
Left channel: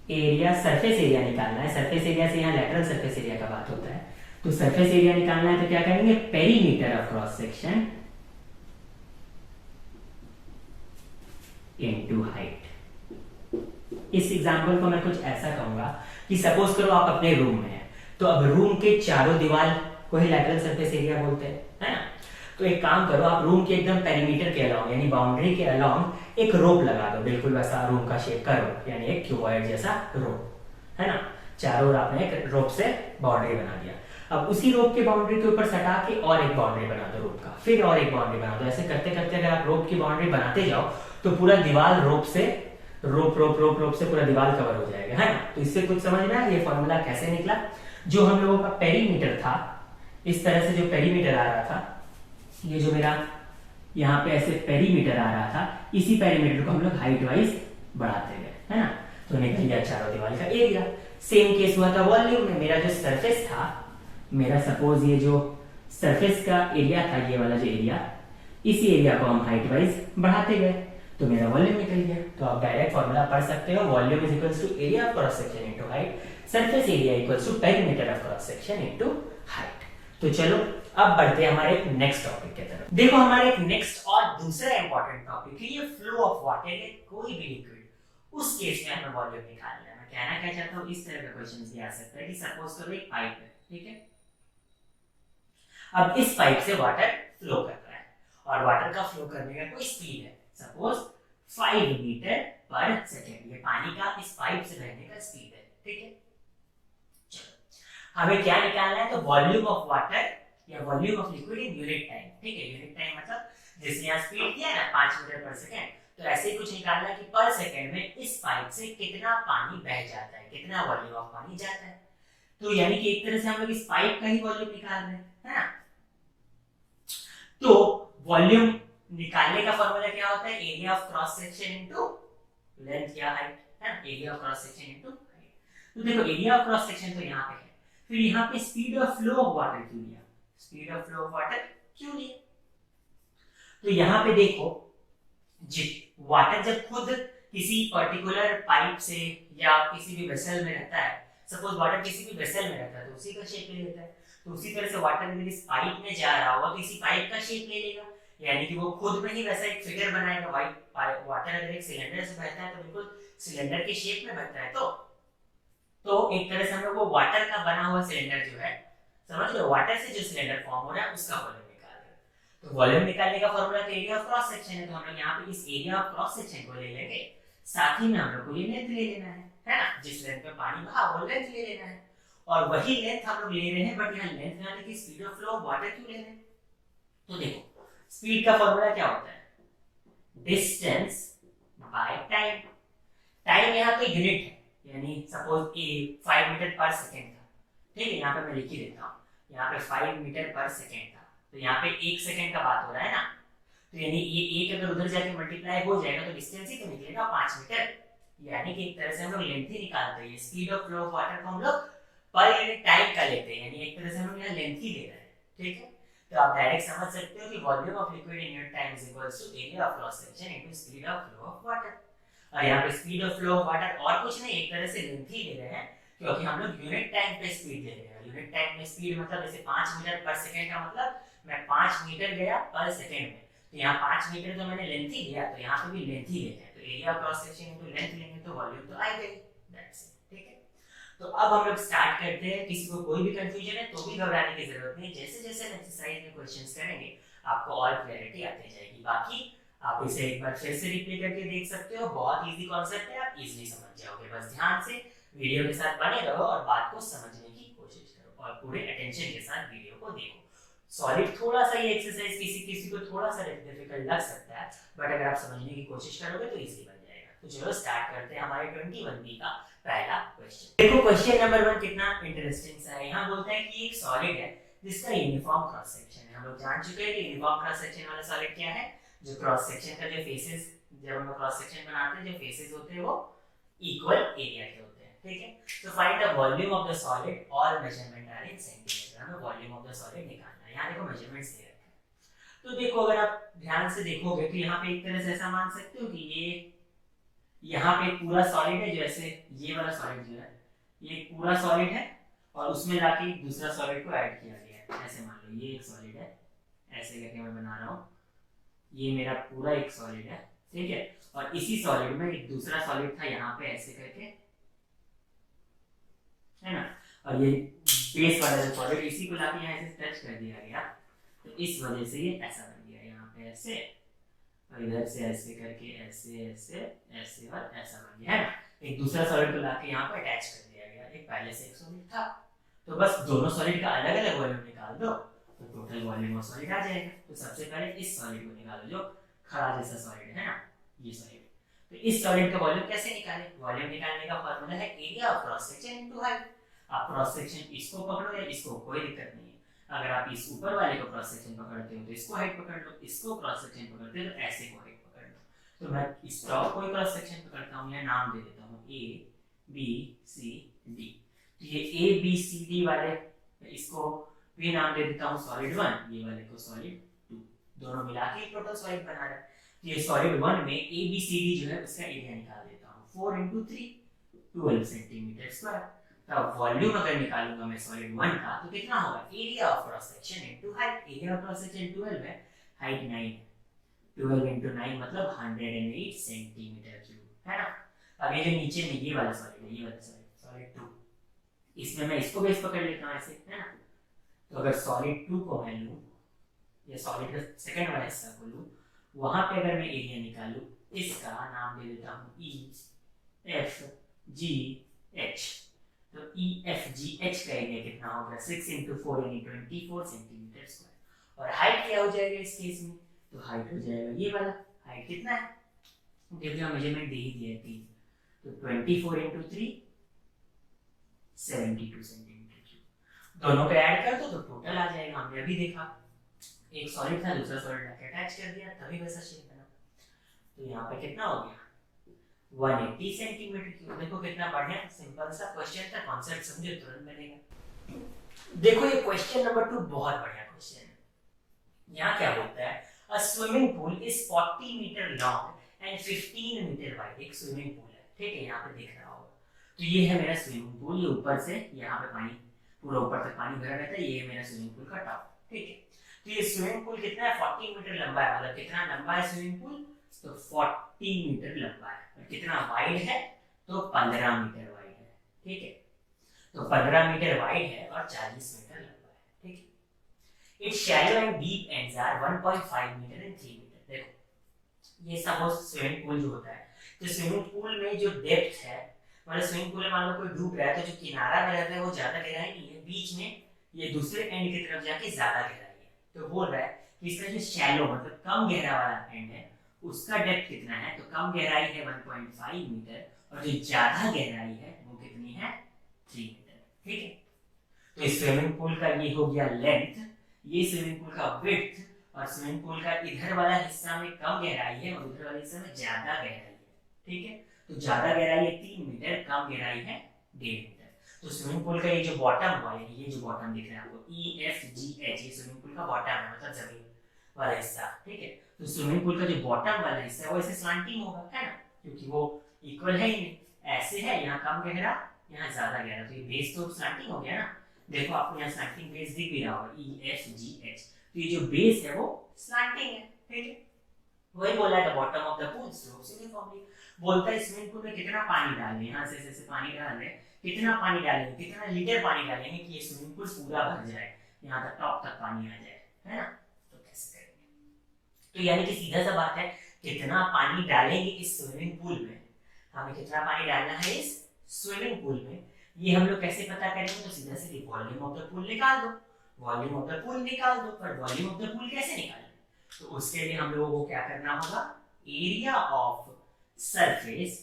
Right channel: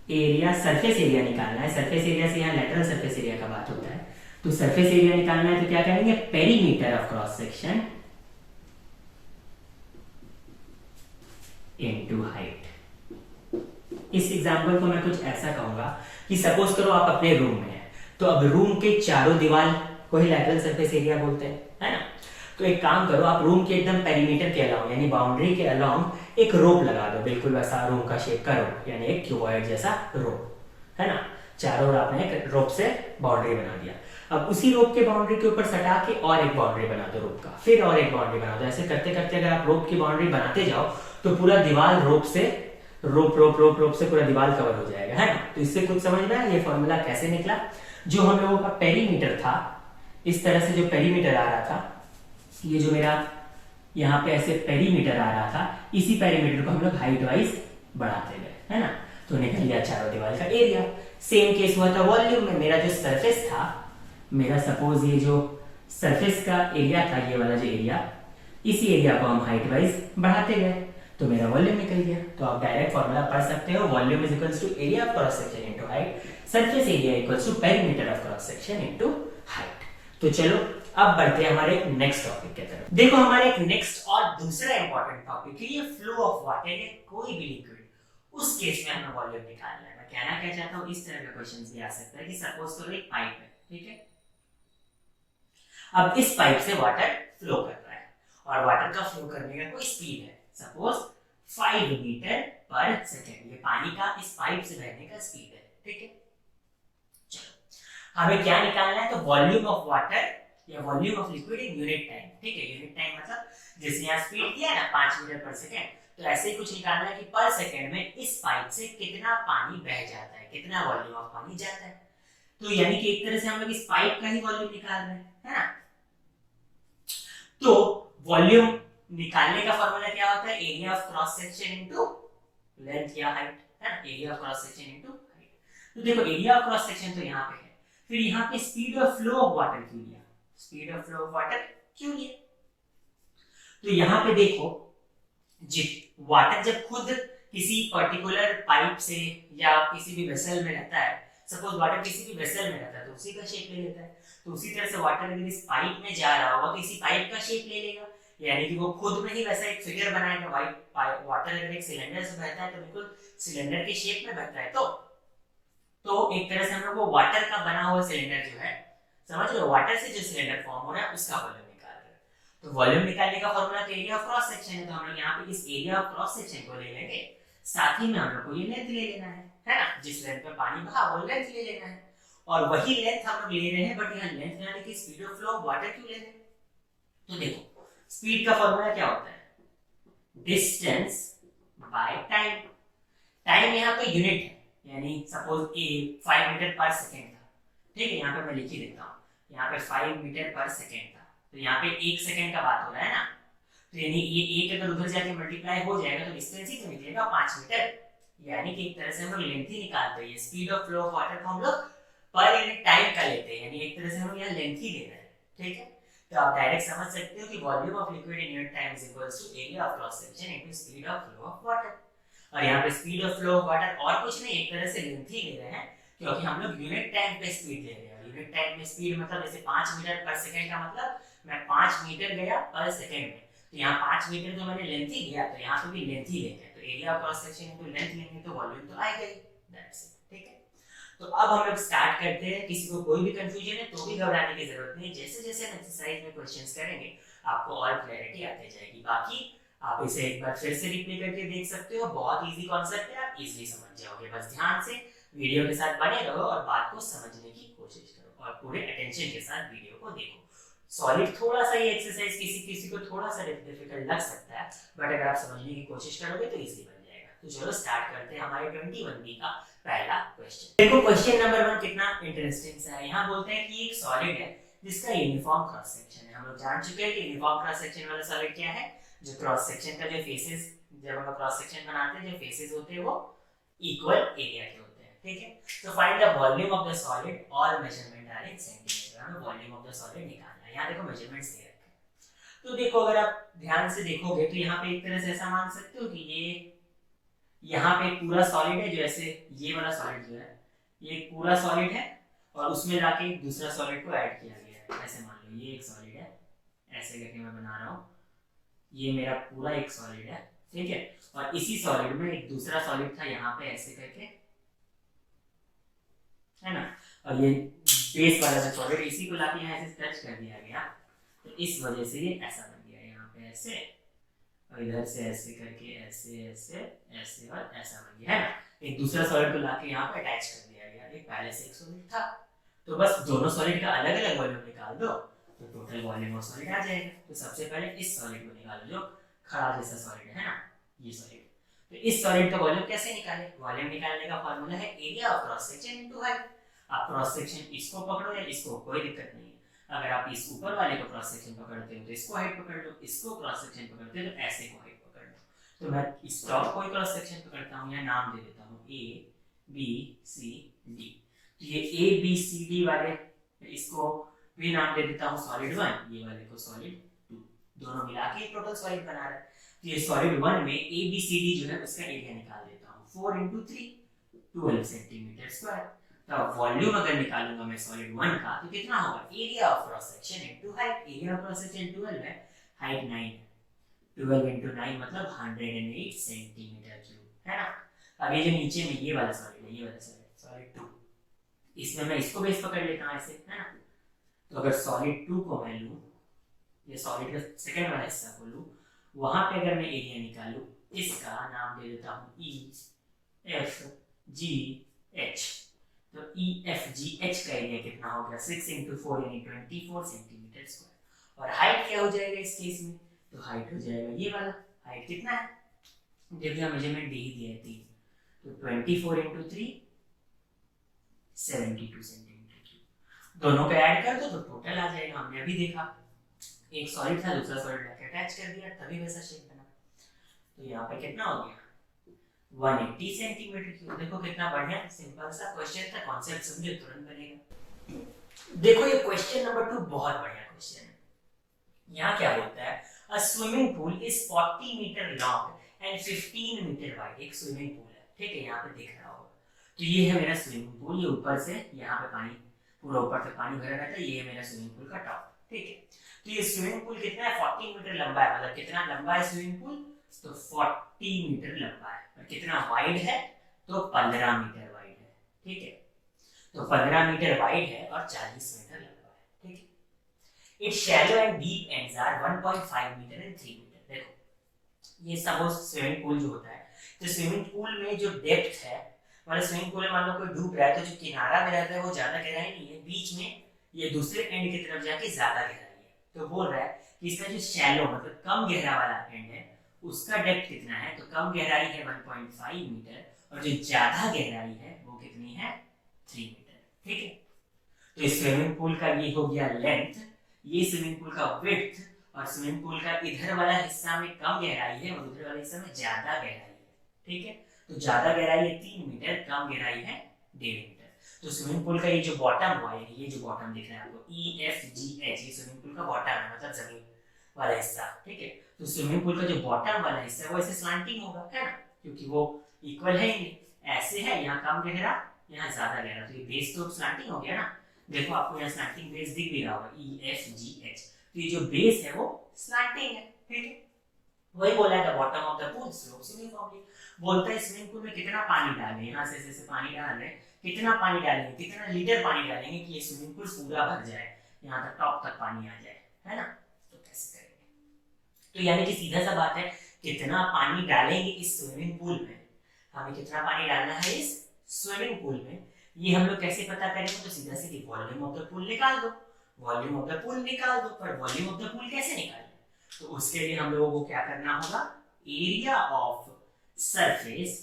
एरिया, सरफेस एरिया निकालना है, सरफेस एरिया से यहां लेटरल सरफेस एरिया का बात होता है, तो सरफेस एरिया निकालना है तो क्या करेंगे? Perimeter of cross section into height. इस एग्जांपल को मैं कुछ ऐसा कहूंगा कि सपोज करो आप अपने रूम में हैं, तो अब रूम के चारों दीवार को ही लैटरल सरफेस एरिया बोलते हैं, है ना। तो एक काम करो, आप रूम के एकदम पेरीमीटर के अलाउंग यानी बाउंड्री के अलाउंग एक रोप लगा दो, बिल्कुल वैसा रूम का शेप का रोप, यानी एक क्यूबॉइड जैसा रोप, है ना। चारों ओर आपने एक रोप से बाउंड्री बना दिया। अब उसी रोप के बाउंड्री के ऊपर सटा के और एक बाउंड्री बना दो रोप का, फिर और एक बाउंड्री बना दो। ऐसे करते करते अगर आप रोप की बाउंड्री बनाते जाओ तो पूरा दीवार रोप से रोप से पूरा दीवार कवर हो जाएगा, है ना। तो इससे कुछ समझ में आया ये फॉर्मूला कैसे निकला? जो हम लोगों का पेरीमीटर था, इस तरह से जो पेरीमीटर आ रहा था, ये जो मेरा यहाँ पे ऐसे पेरीमीटर आ रहा था, इसी पेरीमीटर को हम लोग हाइट वाइज बढ़ाते गए, है ना। तो निकल गया चारों दीवार का एरिया। सेम केस हुआ था वॉल्यूम में। मेरा जो सरफेस था, मेरा सपोज ये जो सरफेस का एरिया था, ये वाला जो एरिया, इसी एरिया को हम हाइट वाइज बढ़ाते गए तो मेरा वॉल्यूम निकल गया। तो आप डायरेक्ट फॉर्मूला पढ़ सकते हो, volume is equals to area of cross section into height, surface area equals to perimeter of cross section into height. तो चलो अब बढ़ते हैं हमारे एक नेक्स्ट टॉपिक की तरफ। देखो हमारे एक नेक्स्ट और दूसरा इंपॉर्टेंट टॉपिक है ये फ्लो ऑफ वाटर या कोई भी लिक्विड, उस केस में हमें वॉल्यूम निकालना है। मैं कहना क्या चाहता हूँ, इस तरह का क्वेश्चन भी आ सकता है कि सपोज करो एक पाइप है, ठीक है। अब इस पाइप से वाटर फ्लो कर रहा है और वाटर का फ्लो करने का कोई स्पीड है, सपोज 5 मीटर पर सेकेंड। ये पानी का इस पाइप से बहने का स्पीड है, ठीक है। चलो हमें क्या निकालना है, तो वॉल्यूम ऑफ वाटर या volume of liquid in unit time, ठीक है। यूनिट टाइम मतलब जिसने यहाँ स्पीड दिया है ना 5 मीटर पर सेकेंड, तो ऐसे ही कुछ निकालना है कि पर सेकेंड में इस पाइप से कितना पानी बह जाता है, कितना वॉल्यूम ऑफ पानी जाता है। तो यानी कि एक तरह से हम लोग इस पाइप का ही वॉल्यूम निकाल रहे हैं, है ना। तो वॉल्यूम निकालने का फॉर्मूला क्या होता है, area of cross section into length या हाइट, है ना। Area of cross section into height. तो देखो एरिया ऑफ क्रॉस सेक्शन तो यहाँ पे है, फिर यहाँ पे speed of flow of water क्यों लिया, speed of flow of water क्यों लिया। तो यहाँ पे देखो वाटर जब खुद किसी पर्टिकुलर पाइप से या किसी भी वेसल में रहता है, सपोज वाटर किसी भी वेसल में रहता है तो उसी का शेप ले लेता है। तो उसी तरह से वाटर अगर इस पाइप में जा रहा होगा तो इसी पाइप का शेप ले लेगा, यानी कि वो खुद में ही वैसा एक फिगर बनाएगा। वाटर अगर एक सिलेंडर से बहता है तो बिल्कुल सिलेंडर के शेप में बहता है। तो एक तरह से हम लोग वो वाटर का बना हुआ सिलेंडर जो है, समझ लो, वाटर से जो सिलेंडर फॉर्म हो रहा है उसका वॉल्यूम निकाल रहे हैं। तो वॉल्यूम निकालने का फॉर्मूला तो एरिया ऑफ क्रॉस सेक्शन है, तो हम लोग यहाँ पे इस एरिया ऑफ क्रॉस सेक्शन को ले लेंगे, साथ ही में हम लोग को ये लेंथ ले लेना है ना। जिस लेंथ में पानी बहा वो लेंथ ले लेना है, और वही लेंथ हम लोग ले रहे हैं, बट यहाँ लेंथ यानी कि speed of flow of water क्यों ले रहे हैं। तो देखो स्पीड का फॉर्मूला क्या होता है, डिस्टेंस बाय टाइम। टाइम यहाँ पे यूनिट है, यानी सपोज ए 5 मीटर पर सेकेंड था, ठीक है। यहाँ पे मैं लिख ही देता हूँ, यहाँ पे 5 मीटर पर सेकेंड था, तो यहाँ पे 1 सेकेंड का बात हो रहा है ना। तो यानी ये एक अगर उधर जाके मल्टीप्लाई हो जाएगा तो डिस्टेंस ही तो निकलेगा 5 मीटर, यानी कि एक तरह से हम लोग लेंथ ही निकालते हैं। Speed of flow of water को हम लोग पर यूनिट टाइम का लेते हैं, यानी एक तरह से हम लोग यहाँ लेंथ ही ले रहे हैं, ठीक है। तो आप डायरेक्ट समझ सकते हो कि volume of liquid in unit time is equals to area of cross section into speed of flow of water. और यहाँ पे speed of flow of water और कुछ नहीं, एक तरह से लेंथ ही ले रहे हैं, क्योंकि हम लोग यूनिट टाइम पे स्पीड ले रहे हैं। यूनिट टाइम में स्पीड मतलब जैसे 5 मीटर पर सेकंड का मतलब मैं 5 मीटर गया पर सेकंड में, तो यहाँ 5 मीटर तो मैंने लेंथ ही लिया, तो यहाँ पे भी लेंथ ही लेते हैं। तो area of cross section into length लेंगे तो वॉल्यूम तो आएगा ही, दैट्स इट, ठीक है। तो अब हम लोग स्टार्ट करते हैं। किसी को कोई भी कंफ्यूजन है तो भी घबराने की जरूरत नहीं, जैसे जैसे एक्सरसाइज में क्वेश्चंस करेंगे आपको और क्लैरिटी आती जाएगी। बाकी आप इसे एक बार फिर से रिप्ले करके देख सकते हो, बहुत इजी कॉन्सेप्ट है, आप इजीली समझ जाओगे। बस ध्यान से वीडियो के साथ बने रहो और बात को समझने की कोशिश करो और पूरे अटेंशन के साथ वीडियो को देखो। सॉलिड थोड़ा सा ये एक्सरसाइज किसी को थोड़ा सा डिफिकल्ट लग सकता है, बट अगर आप समझने की कोशिश करोगे तो इजी बन जाएगा। तो चलो स्टार्ट करते हैं हमारे 21B का पहला क्वेश्चन। देखो क्वेश्चन नंबर 1 कितना इंटरेस्टिंग सा है। यहाँ बोलते हैं कि एक सॉलिड है जिसका यूनिफॉर्म क्रॉस सेक्शन है। हम लोग जान चुके हैं कि यूनिफॉर्म क्रॉस सेक्शन वाला सॉलिड क्या है, जो क्रॉस सेक्शन का जो फेसेस, जब हम क्रॉस सेक्शन बनाते हैं जो फेसेस होते हैं वो इक्वल एरिया के होते हैं, ठीक है। तो find the volume of the solid और मेजरमेंट आर इन सेंटीमीटर। हमें वॉल्यूम ऑफ द सॉलिड निकालना है। यहाँ देखो मेजरमेंट्स दे रखे हैं। तो देखो अगर आप ध्यान से देखोगे तो यहाँ पे एक तरह से ऐसा मान सकते हो कि ये यहाँ पे पूरा सॉलिड है, जो ऐसे ये वाला सॉलिड जो है ये पूरा सॉलिड है और उसमें जाके दूसरा सॉलिड को ऐड किया गया है। ऐसे मान लो ये एक सॉलिड है, ऐसे करके मैं बना रहा हूँ, ये मेरा पूरा एक सॉलिड है, ठीक है। और इसी सॉलिड में एक दूसरा सॉलिड था यहाँ पे ऐसे करके, है ना। और ये बेस वाला जो सॉलिड इसी को लाके यहाँ ऐसे टच कर दिया गया, तो इस वजह से ये ऐसा बन गया। यहाँ पे ऐसे और इधर से ऐसे करके ऐसे ऐसे ऐसे और ऐसा बन गया, है ना। एक दूसरा सॉलिड को लाके यहाँ पे अटैच कर दिया गया। एक पहले से एक सॉलिड था, तो बस दोनों सॉलिड का अलग अलग वॉल्यूम निकाल दो तो टोटल वॉल्यूम ऑफ सॉलिड आ जाएगा। तो सबसे पहले इस सॉलिड को निकालो जो खड़ा जैसा सॉलिड है ना, ये सॉलिड। तो इस सॉलिड का वॉल्यूम कैसे निकालें, वॉल्यूम निकालने का फार्मूला है area of cross section into height. आप क्रॉस सेक्शन इसको पकड़ो या इसको, कोई दिक्कत नहीं है। अगर आप इस ऊपर वाले को क्रॉस सेक्शन पकड़ते हो तो इसको हाइट पकड़ लो, इसको क्रॉस सेक्शन पकड़ते हो तो ऐसे को हाइट पकड़ लो। तो मैं इस टॉप को क्रॉस सेक्शन पकड़ता हूँ, या नाम दे देता हूँ A B C D। तो ये A B C D वाले, इसको भी नाम दे देता हूँ सॉलिड 1, ये वाले को सॉलिड 2, दोनों मिला के टोटल सॉलिड बना रहा है। तो ये सॉलिड 1 में A B C D जो है उसका एरिया निकाल देता हूँ। 4 × 3 12 सेंटीमीटर स्क्वायर। तो वॉल्यूम अगर निकालूंगा मैं सॉलिड 1 का तो कितना होगा, area of cross section into height. Area of cross section 12 है, हाइट 9 है, 12 into 9 मतलब 108 सेंटीमीटर क्यूब, है ना। अब ये जो नीचे में ये वाला सॉलिड है, ये वाला सॉलिड 2, इसमें मैं इसको बेस पकड़ लेता हूँ ऐसे, है ना। तो अगर सॉलिड 2 को मैं लूँ, ये सॉलिड का सेकंड वाला हिस्सा को लूँ, वहां पे अगर मैं एरिया निकालूं, इसका नाम दे देता हूँ ई एफ जी एच। तो ई एफ जी एच का एरिया कितना होगा, 6 into 4 यानी 24 सेंटीमीटर स्क्वायर। और हाइट क्या हो जाएगा इस केस में, तो हाइट हो जाएगा ये वाला, हाइट कितना है, देखिए मेजरमेंट दे ही दिया है 3, तो 24 into 3 72 सेंटीमीटर क्यूब। दोनों को ऐड कर दो तो टोटल आ जाएगा। हमने अभी देखा एक सॉलिड था, दूसरा सॉलिड लाके अटैच कर दिया, तभी वैसा शेप बना। तो यहाँ पे कितना हो गया, 180 सेंटीमीटर क्यूब। देखो कितना बढ़िया सिंपल सा क्वेश्चन था, कॉन्सेप्ट समझे तुरंत बनेगा। देखो ये क्वेश्चन नंबर 2 बहुत बढ़िया क्वेश्चन है। यहाँ क्या बोलता है, a swimming pool is 40 metre long and 15 metre wide. एक स्विमिंग पूल है, ठीक है, यहाँ पे दिख रहा होगा। तो ये है मेरा स्विमिंग पूल, ये ऊपर से यहाँ पे पानी पूरा ऊपर तक पानी भरा रहता है, ये है मेरा स्विमिंग पूल का टॉप, ठीक है। तो ये स्विमिंग पूल कितना है, 40 मीटर लंबा है, मतलब कितना लंबा है स्विमिंग पूल, तो 40 मीटर लंबा है। और कितना वाइड है, तो 15 मीटर वाइड है, ठीक है। तो 15 मीटर वाइड है और 40 मीटर लंबा है, ठीक है। It's shallow and deep ends are 1.5 metre and 3 metre. देखो ये सपोज स्विमिंग पूल जो होता है, तो स्विमिंग पूल में जो डेप्थ है, मतलब स्विमिंग पूल में मान लो कोई डूब रहा है, तो जो किनारा में रहता है वो ज्यादा गहराई नहीं है, बीच में ये दूसरे एंड की तरफ जाके ज्यादा गहराई है। तो बोल रहा है कि इसका जो शैलो मतलब कम गहरा वाला एंड है, उसका डेप्थ कितना है, तो कम गहराई है 1.5 मीटर, और जो ज्यादा गहराई है वो कितनी है, 3 मीटर, ठीक है। तो इस स्विमिंग पूल का ये हो गया लेंथ, ये स्विमिंग पूल का विड्थ, और स्विमिंग पूल का इधर वाला हिस्सा में कम गहराई है और उधर वाले हिस्सा में ज्यादा गहराई है, ठीक है। तो ज्यादा गहराई है 3 मीटर, कम गहराई है 1.5 मीटर। तो स्विमिंग पूल का ये जो बॉटम हुआ है, ये जो बॉटम दिख रहा है आपको ई एफ जी एच, ये स्विमिंग पूल का बॉटम है, मतलब जमीन वाला हिस्सा, ठीक है। तो स्विमिंग पूल का जो बॉटम वाला हिस्सा है वो ऐसे स्लैंटिंग होगा, है ना, क्योंकि वो इक्वल है ही नहीं, ऐसे है, यहाँ कम गहरा यहाँ ज्यादा गहरा, तो ये बेस तो स्लैंटिंग हो गया ना। देखो आपको यहाँ स्लैंटिंग बेस दिख भी रहा होगा, ई एफ जी एच। तो ये जो बेस है वो स्लैंटिंग है, ठीक है। वही बोला है the bottom of the pool slopes uniformly. बोलता है स्विमिंग पूल में कितना पानी डालें, यहाँ से ऐसे पानी डाल रहे हैं, कितना पानी डालेंगे, कितना लीटर पानी डालेंगे कि ये स्विमिंग पूल पूरा भर जाए, यहाँ तक टॉप तक पानी आ जाए, है ना। तो कैसे करेंगे, तो यानी कि सीधा सा बात है, कितना पानी डालेंगे इस स्विमिंग पूल में, हमें कितना पानी डालना है इस स्विमिंग पूल में, ये हम लोग कैसे पता करेंगे, तो सीधा सीधी वॉल्यूम ऑफ द पूल निकाल दो, वॉल्यूम ऑफ द पूल निकाल दो। पर वॉल्यूम ऑफ द पूल कैसे निकालें, तो उसके लिए हम लोगों को क्या करना होगा, area of surface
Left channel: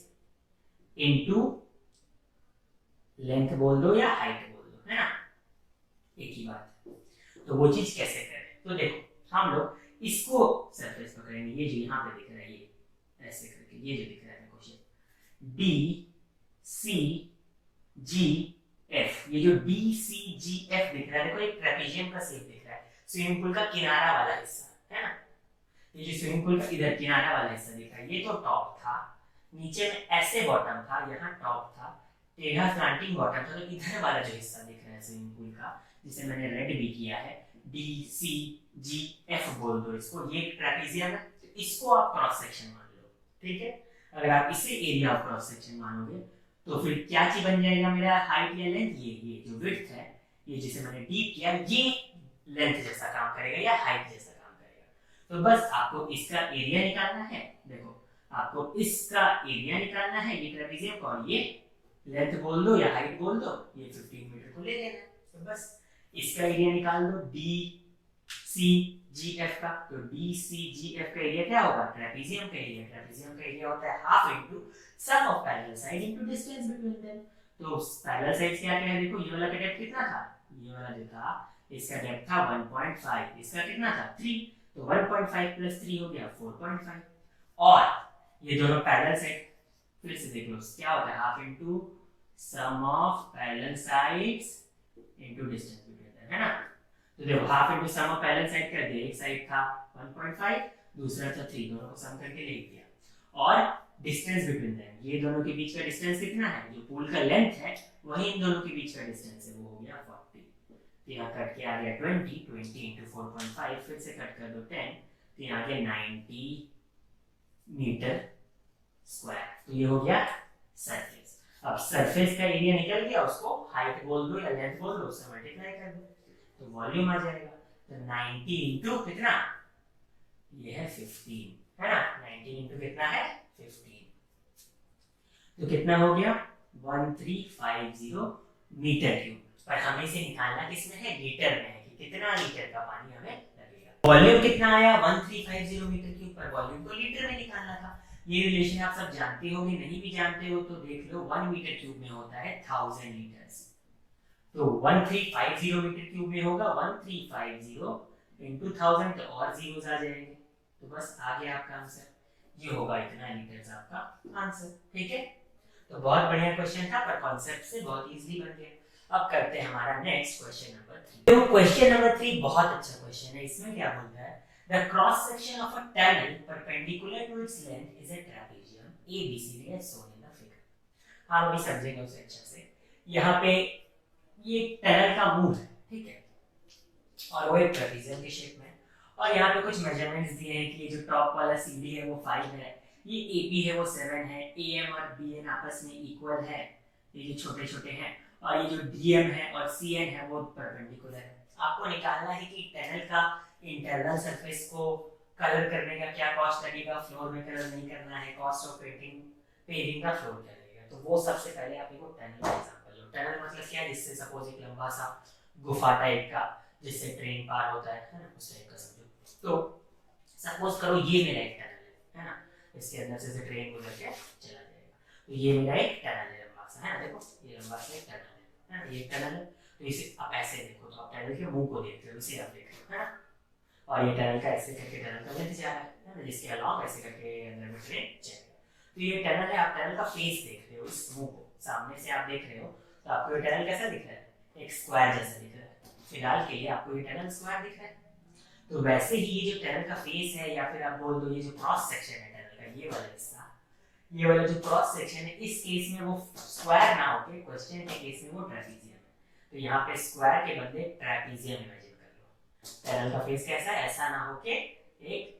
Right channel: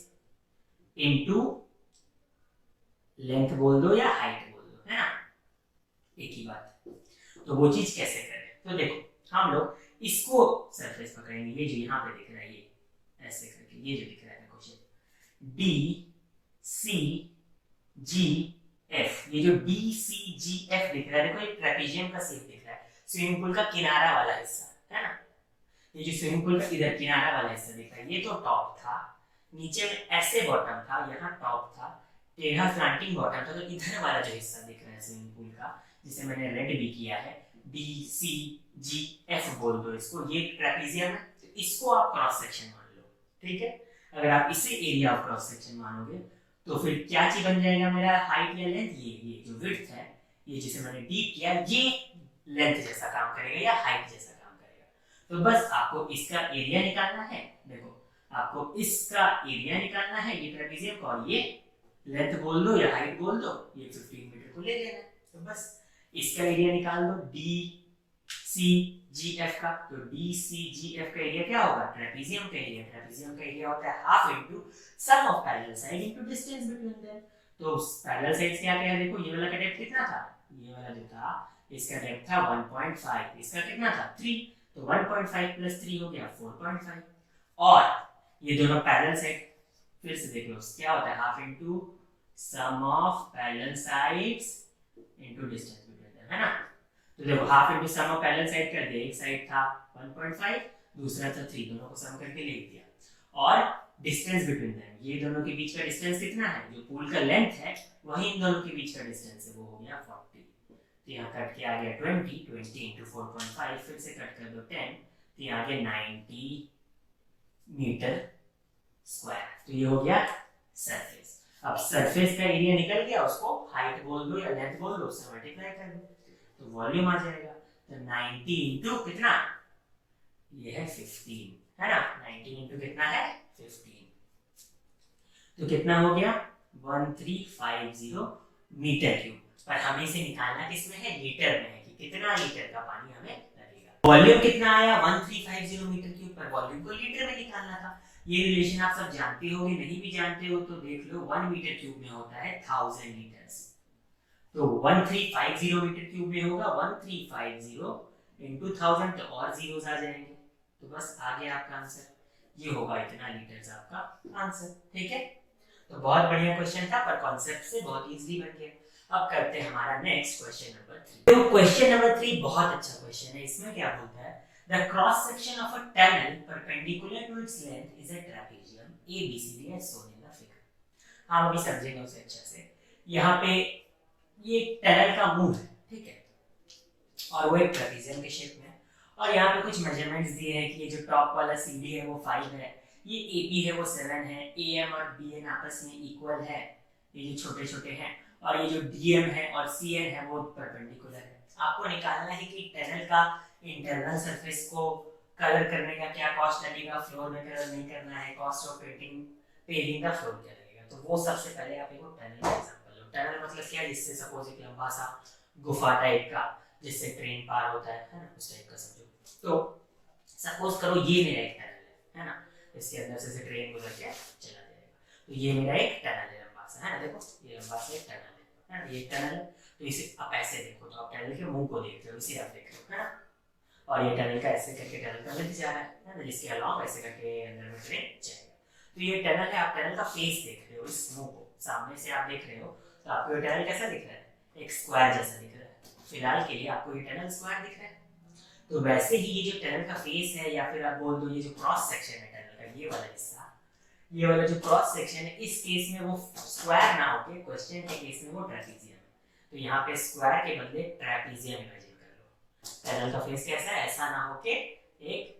into length बोल दो या हाइट बोल दो, है ना, एक ही बात। तो वो चीज कैसे करें, तो देखो हम लोग इसको सरफेस पकड़ेंगे, ये जो यहाँ पे दिख रहा है, ये ऐसे करके, ये जो दिख रहा है क्वेश्चन डी सी जी एफ, ये जो डी सी जी एफ दिख रहा है, देखो एक ट्रेपेजियम का शेप दिख रहा है, स्विमिंग पूल का किनारा वाला हिस्सा, है ना। ये जो स्विमिंग पूल का इधर किनारा वाला हिस्सा दिख रहा है, ये तो टॉप था, नीचे में ऐसे बॉटम था, यहाँ टॉप था, टेढ़ा स्लैंटिंग बॉटम था, तो इधर वाला जो हिस्सा दिख रहा है स्विमिंग पूल का, जिसे मैंने रेड भी किया है, डी सी जी एफ बोल दो इसको, ये ट्रेपेजियम है, तो इसको आप क्रॉस सेक्शन मान लो, ठीक है। अगर आप इसे एरिया ऑफ क्रॉस सेक्शन मानोगे तो फिर क्या चीज बन जाएगा मेरा, हाइट या लेंथ, ये जो विड्थ है, ये जिसे मैंने डीप किया, ये लेंथ जैसा काम करेगा या हाइट जैसा काम करेगा। तो बस आपको इसका एरिया निकालना है, देखो आपको इसका एरिया निकालना है, ये ट्रेपेजियम का, और ये लेंथ बोल दो या हाइट बोल दो, ये 15 मीटर को ले लेना है। तो बस इसका एरिया निकाल दो डी सी जी एफ का, तो डी सी जी एफ का एरिया क्या होगा, ट्रेपेजियम का एरिया, ट्रेपेजियम का एरिया होता है half into sum of parallel side into distance between them. तो पैरेलल साइड्स क्या क्या है, देखो ये वाला का डेप्थ कितना था, ये वाला जो था इसका डेप्थ था 1.5, इसका कितना था 3, तो 1.5 प्लस 3 हो गया 4.5, और ये दोनों पैरेलल साइड फिर से देख लो क्या होता है, half into sum of parallel sides into distance between them, है ना। तो देखो half into sum of parallel side कर दिया, एक साइड था 1.5, दूसरा था 3, दोनों को सम करके लिख दिया, और डिस्टेंस बिटवीन देम, ये दोनों के बीच का डिस्टेंस कितना है, जो पूल का लेंथ है वही इन दोनों के बीच का डिस्टेंस है, वो हो गया 40। तो यहाँ कट के आ गया 20 इंटू 4.5, फिर से कट कर दो 10, तो यहाँ आ गया 90 मीटर स्क्वायर। तो ये हो गया सरफेस। अब सरफेस का एरिया निकल गया, उसको हाइट बोल दो या लेंथ बोल दो, उससे मल्टीप्लाई कर दो तो वॉल्यूम आ जाएगा। तो 90 इंटू कितना, ये है 15 है ना, 90 इंटू कितना है 15, तो कितना हो गया 1350 मीटर क्यूब। पर हमें इसे निकालना किसमें है, लीटर में है, कि कितना लीटर का पानी हमें लगेगा। वॉल्यूम कितना आया 1350 मीटर क्यूब, पर वॉल्यूम को लीटर में निकालना था। ये रिलेशन आप सब जानते होंगे, नहीं भी जानते हो तो देख लो, 1 मीटर क्यूब में होता है 1000 लीटर्स, तो 1350 मीटर क्यूब में होगा 1350 इंटू 1000, तो और जीरोस आ जाएंगे, तो बस आ गया आपका आंसर, ये होगा इतना लीटर्स आपका आंसर। ठीक है, तो बहुत बढ़िया क्वेश्चन था, पर कॉन्सेप्ट से बहुत इजीली बन गया। अब करते हैं हमारा नेक्स्ट क्वेश्चन नंबर 3। तो क्वेश्चन नंबर 3 बहुत अच्छा क्वेश्चन है। इसमें क्या बोलता है, the cross section of a tunnel perpendicular to its length is a trapezium ABCD as shown in the figure। हम अभी समझेंगे उसे अच्छे से। यहाँ पे ये टनल का मुंह है, ठीक है, और वो एक ट्रेपेजियम के शेप में है, और यहाँ पे कुछ मेजरमेंट्स दिए हैं कि ये जो टॉप वाला CD है वो 5 है, ये AB है वो 7 है, AM और BN आपस में इक्वल है, ये जो छोटे छोटे हैं, और ये जो DM है और CN है वो परपेंडिकुलर है। आपको निकालना है कि टनल का इंटरनल सरफेस को कलर करने का क्या कॉस्ट लगेगा, फ्लोर में कलर नहीं करना है, कॉस्ट ऑफ पेविंग का फ्लोर क्या लगेगा। तो वो सबसे पहले आप एक टनल का एग्जांपल लो। टनल मतलब क्या, जिससे सपोज एक लंबा सा गुफा टाइप का जिससे ट्रेन पार होता है ना, उस टाइप का समझो। तो सपोज करो ये मेरा एक टनल है ना, इसके अंदर से ट्रेन गुजर के चला जाएगा, तो ये मेरा एक टनल है लंबा सा, है ना, देखो ये लंबा सा एक टनल है ना, ये टनल है। तो इसे आप ऐसे देखो, तो आप टनल के मुंह को देख रहे हो, इसे आप देख रहे हो, है ना, और ये टनल का ऐसे करके टनल का लेंथ जा रहा है ना, जिसके अलावा ऐसे करके अंदर में ट्रेन चलेगा। तो ये टनल है, आप टनल का फेस देख रहे हो, इस मुंह को सामने से आप देख रहे हो, तो आपको ये टनल कैसा दिख रहा है, एक स्क्वायर जैसा दिख रहा है। फिलहाल के लिए आपको ये टनल स्क्वायर दिख रहा है। तो वैसे ही ये जो टनल का फेस है, या फिर आप बोल दो ये जो क्रॉस सेक्शन है टनल का, ये वाला हिस्सा, ये वाला जो क्रॉस सेक्शन है, इस केस में वो स्क्वायर ना होके क्वेश्चन के केस में वो ट्रेपेजियम है, तो यहाँ पे स्क्वायर के बदले ट्रेपेजियम इमेजिन कर लो। टनल का फेस कैसा है, ऐसा ना होके एक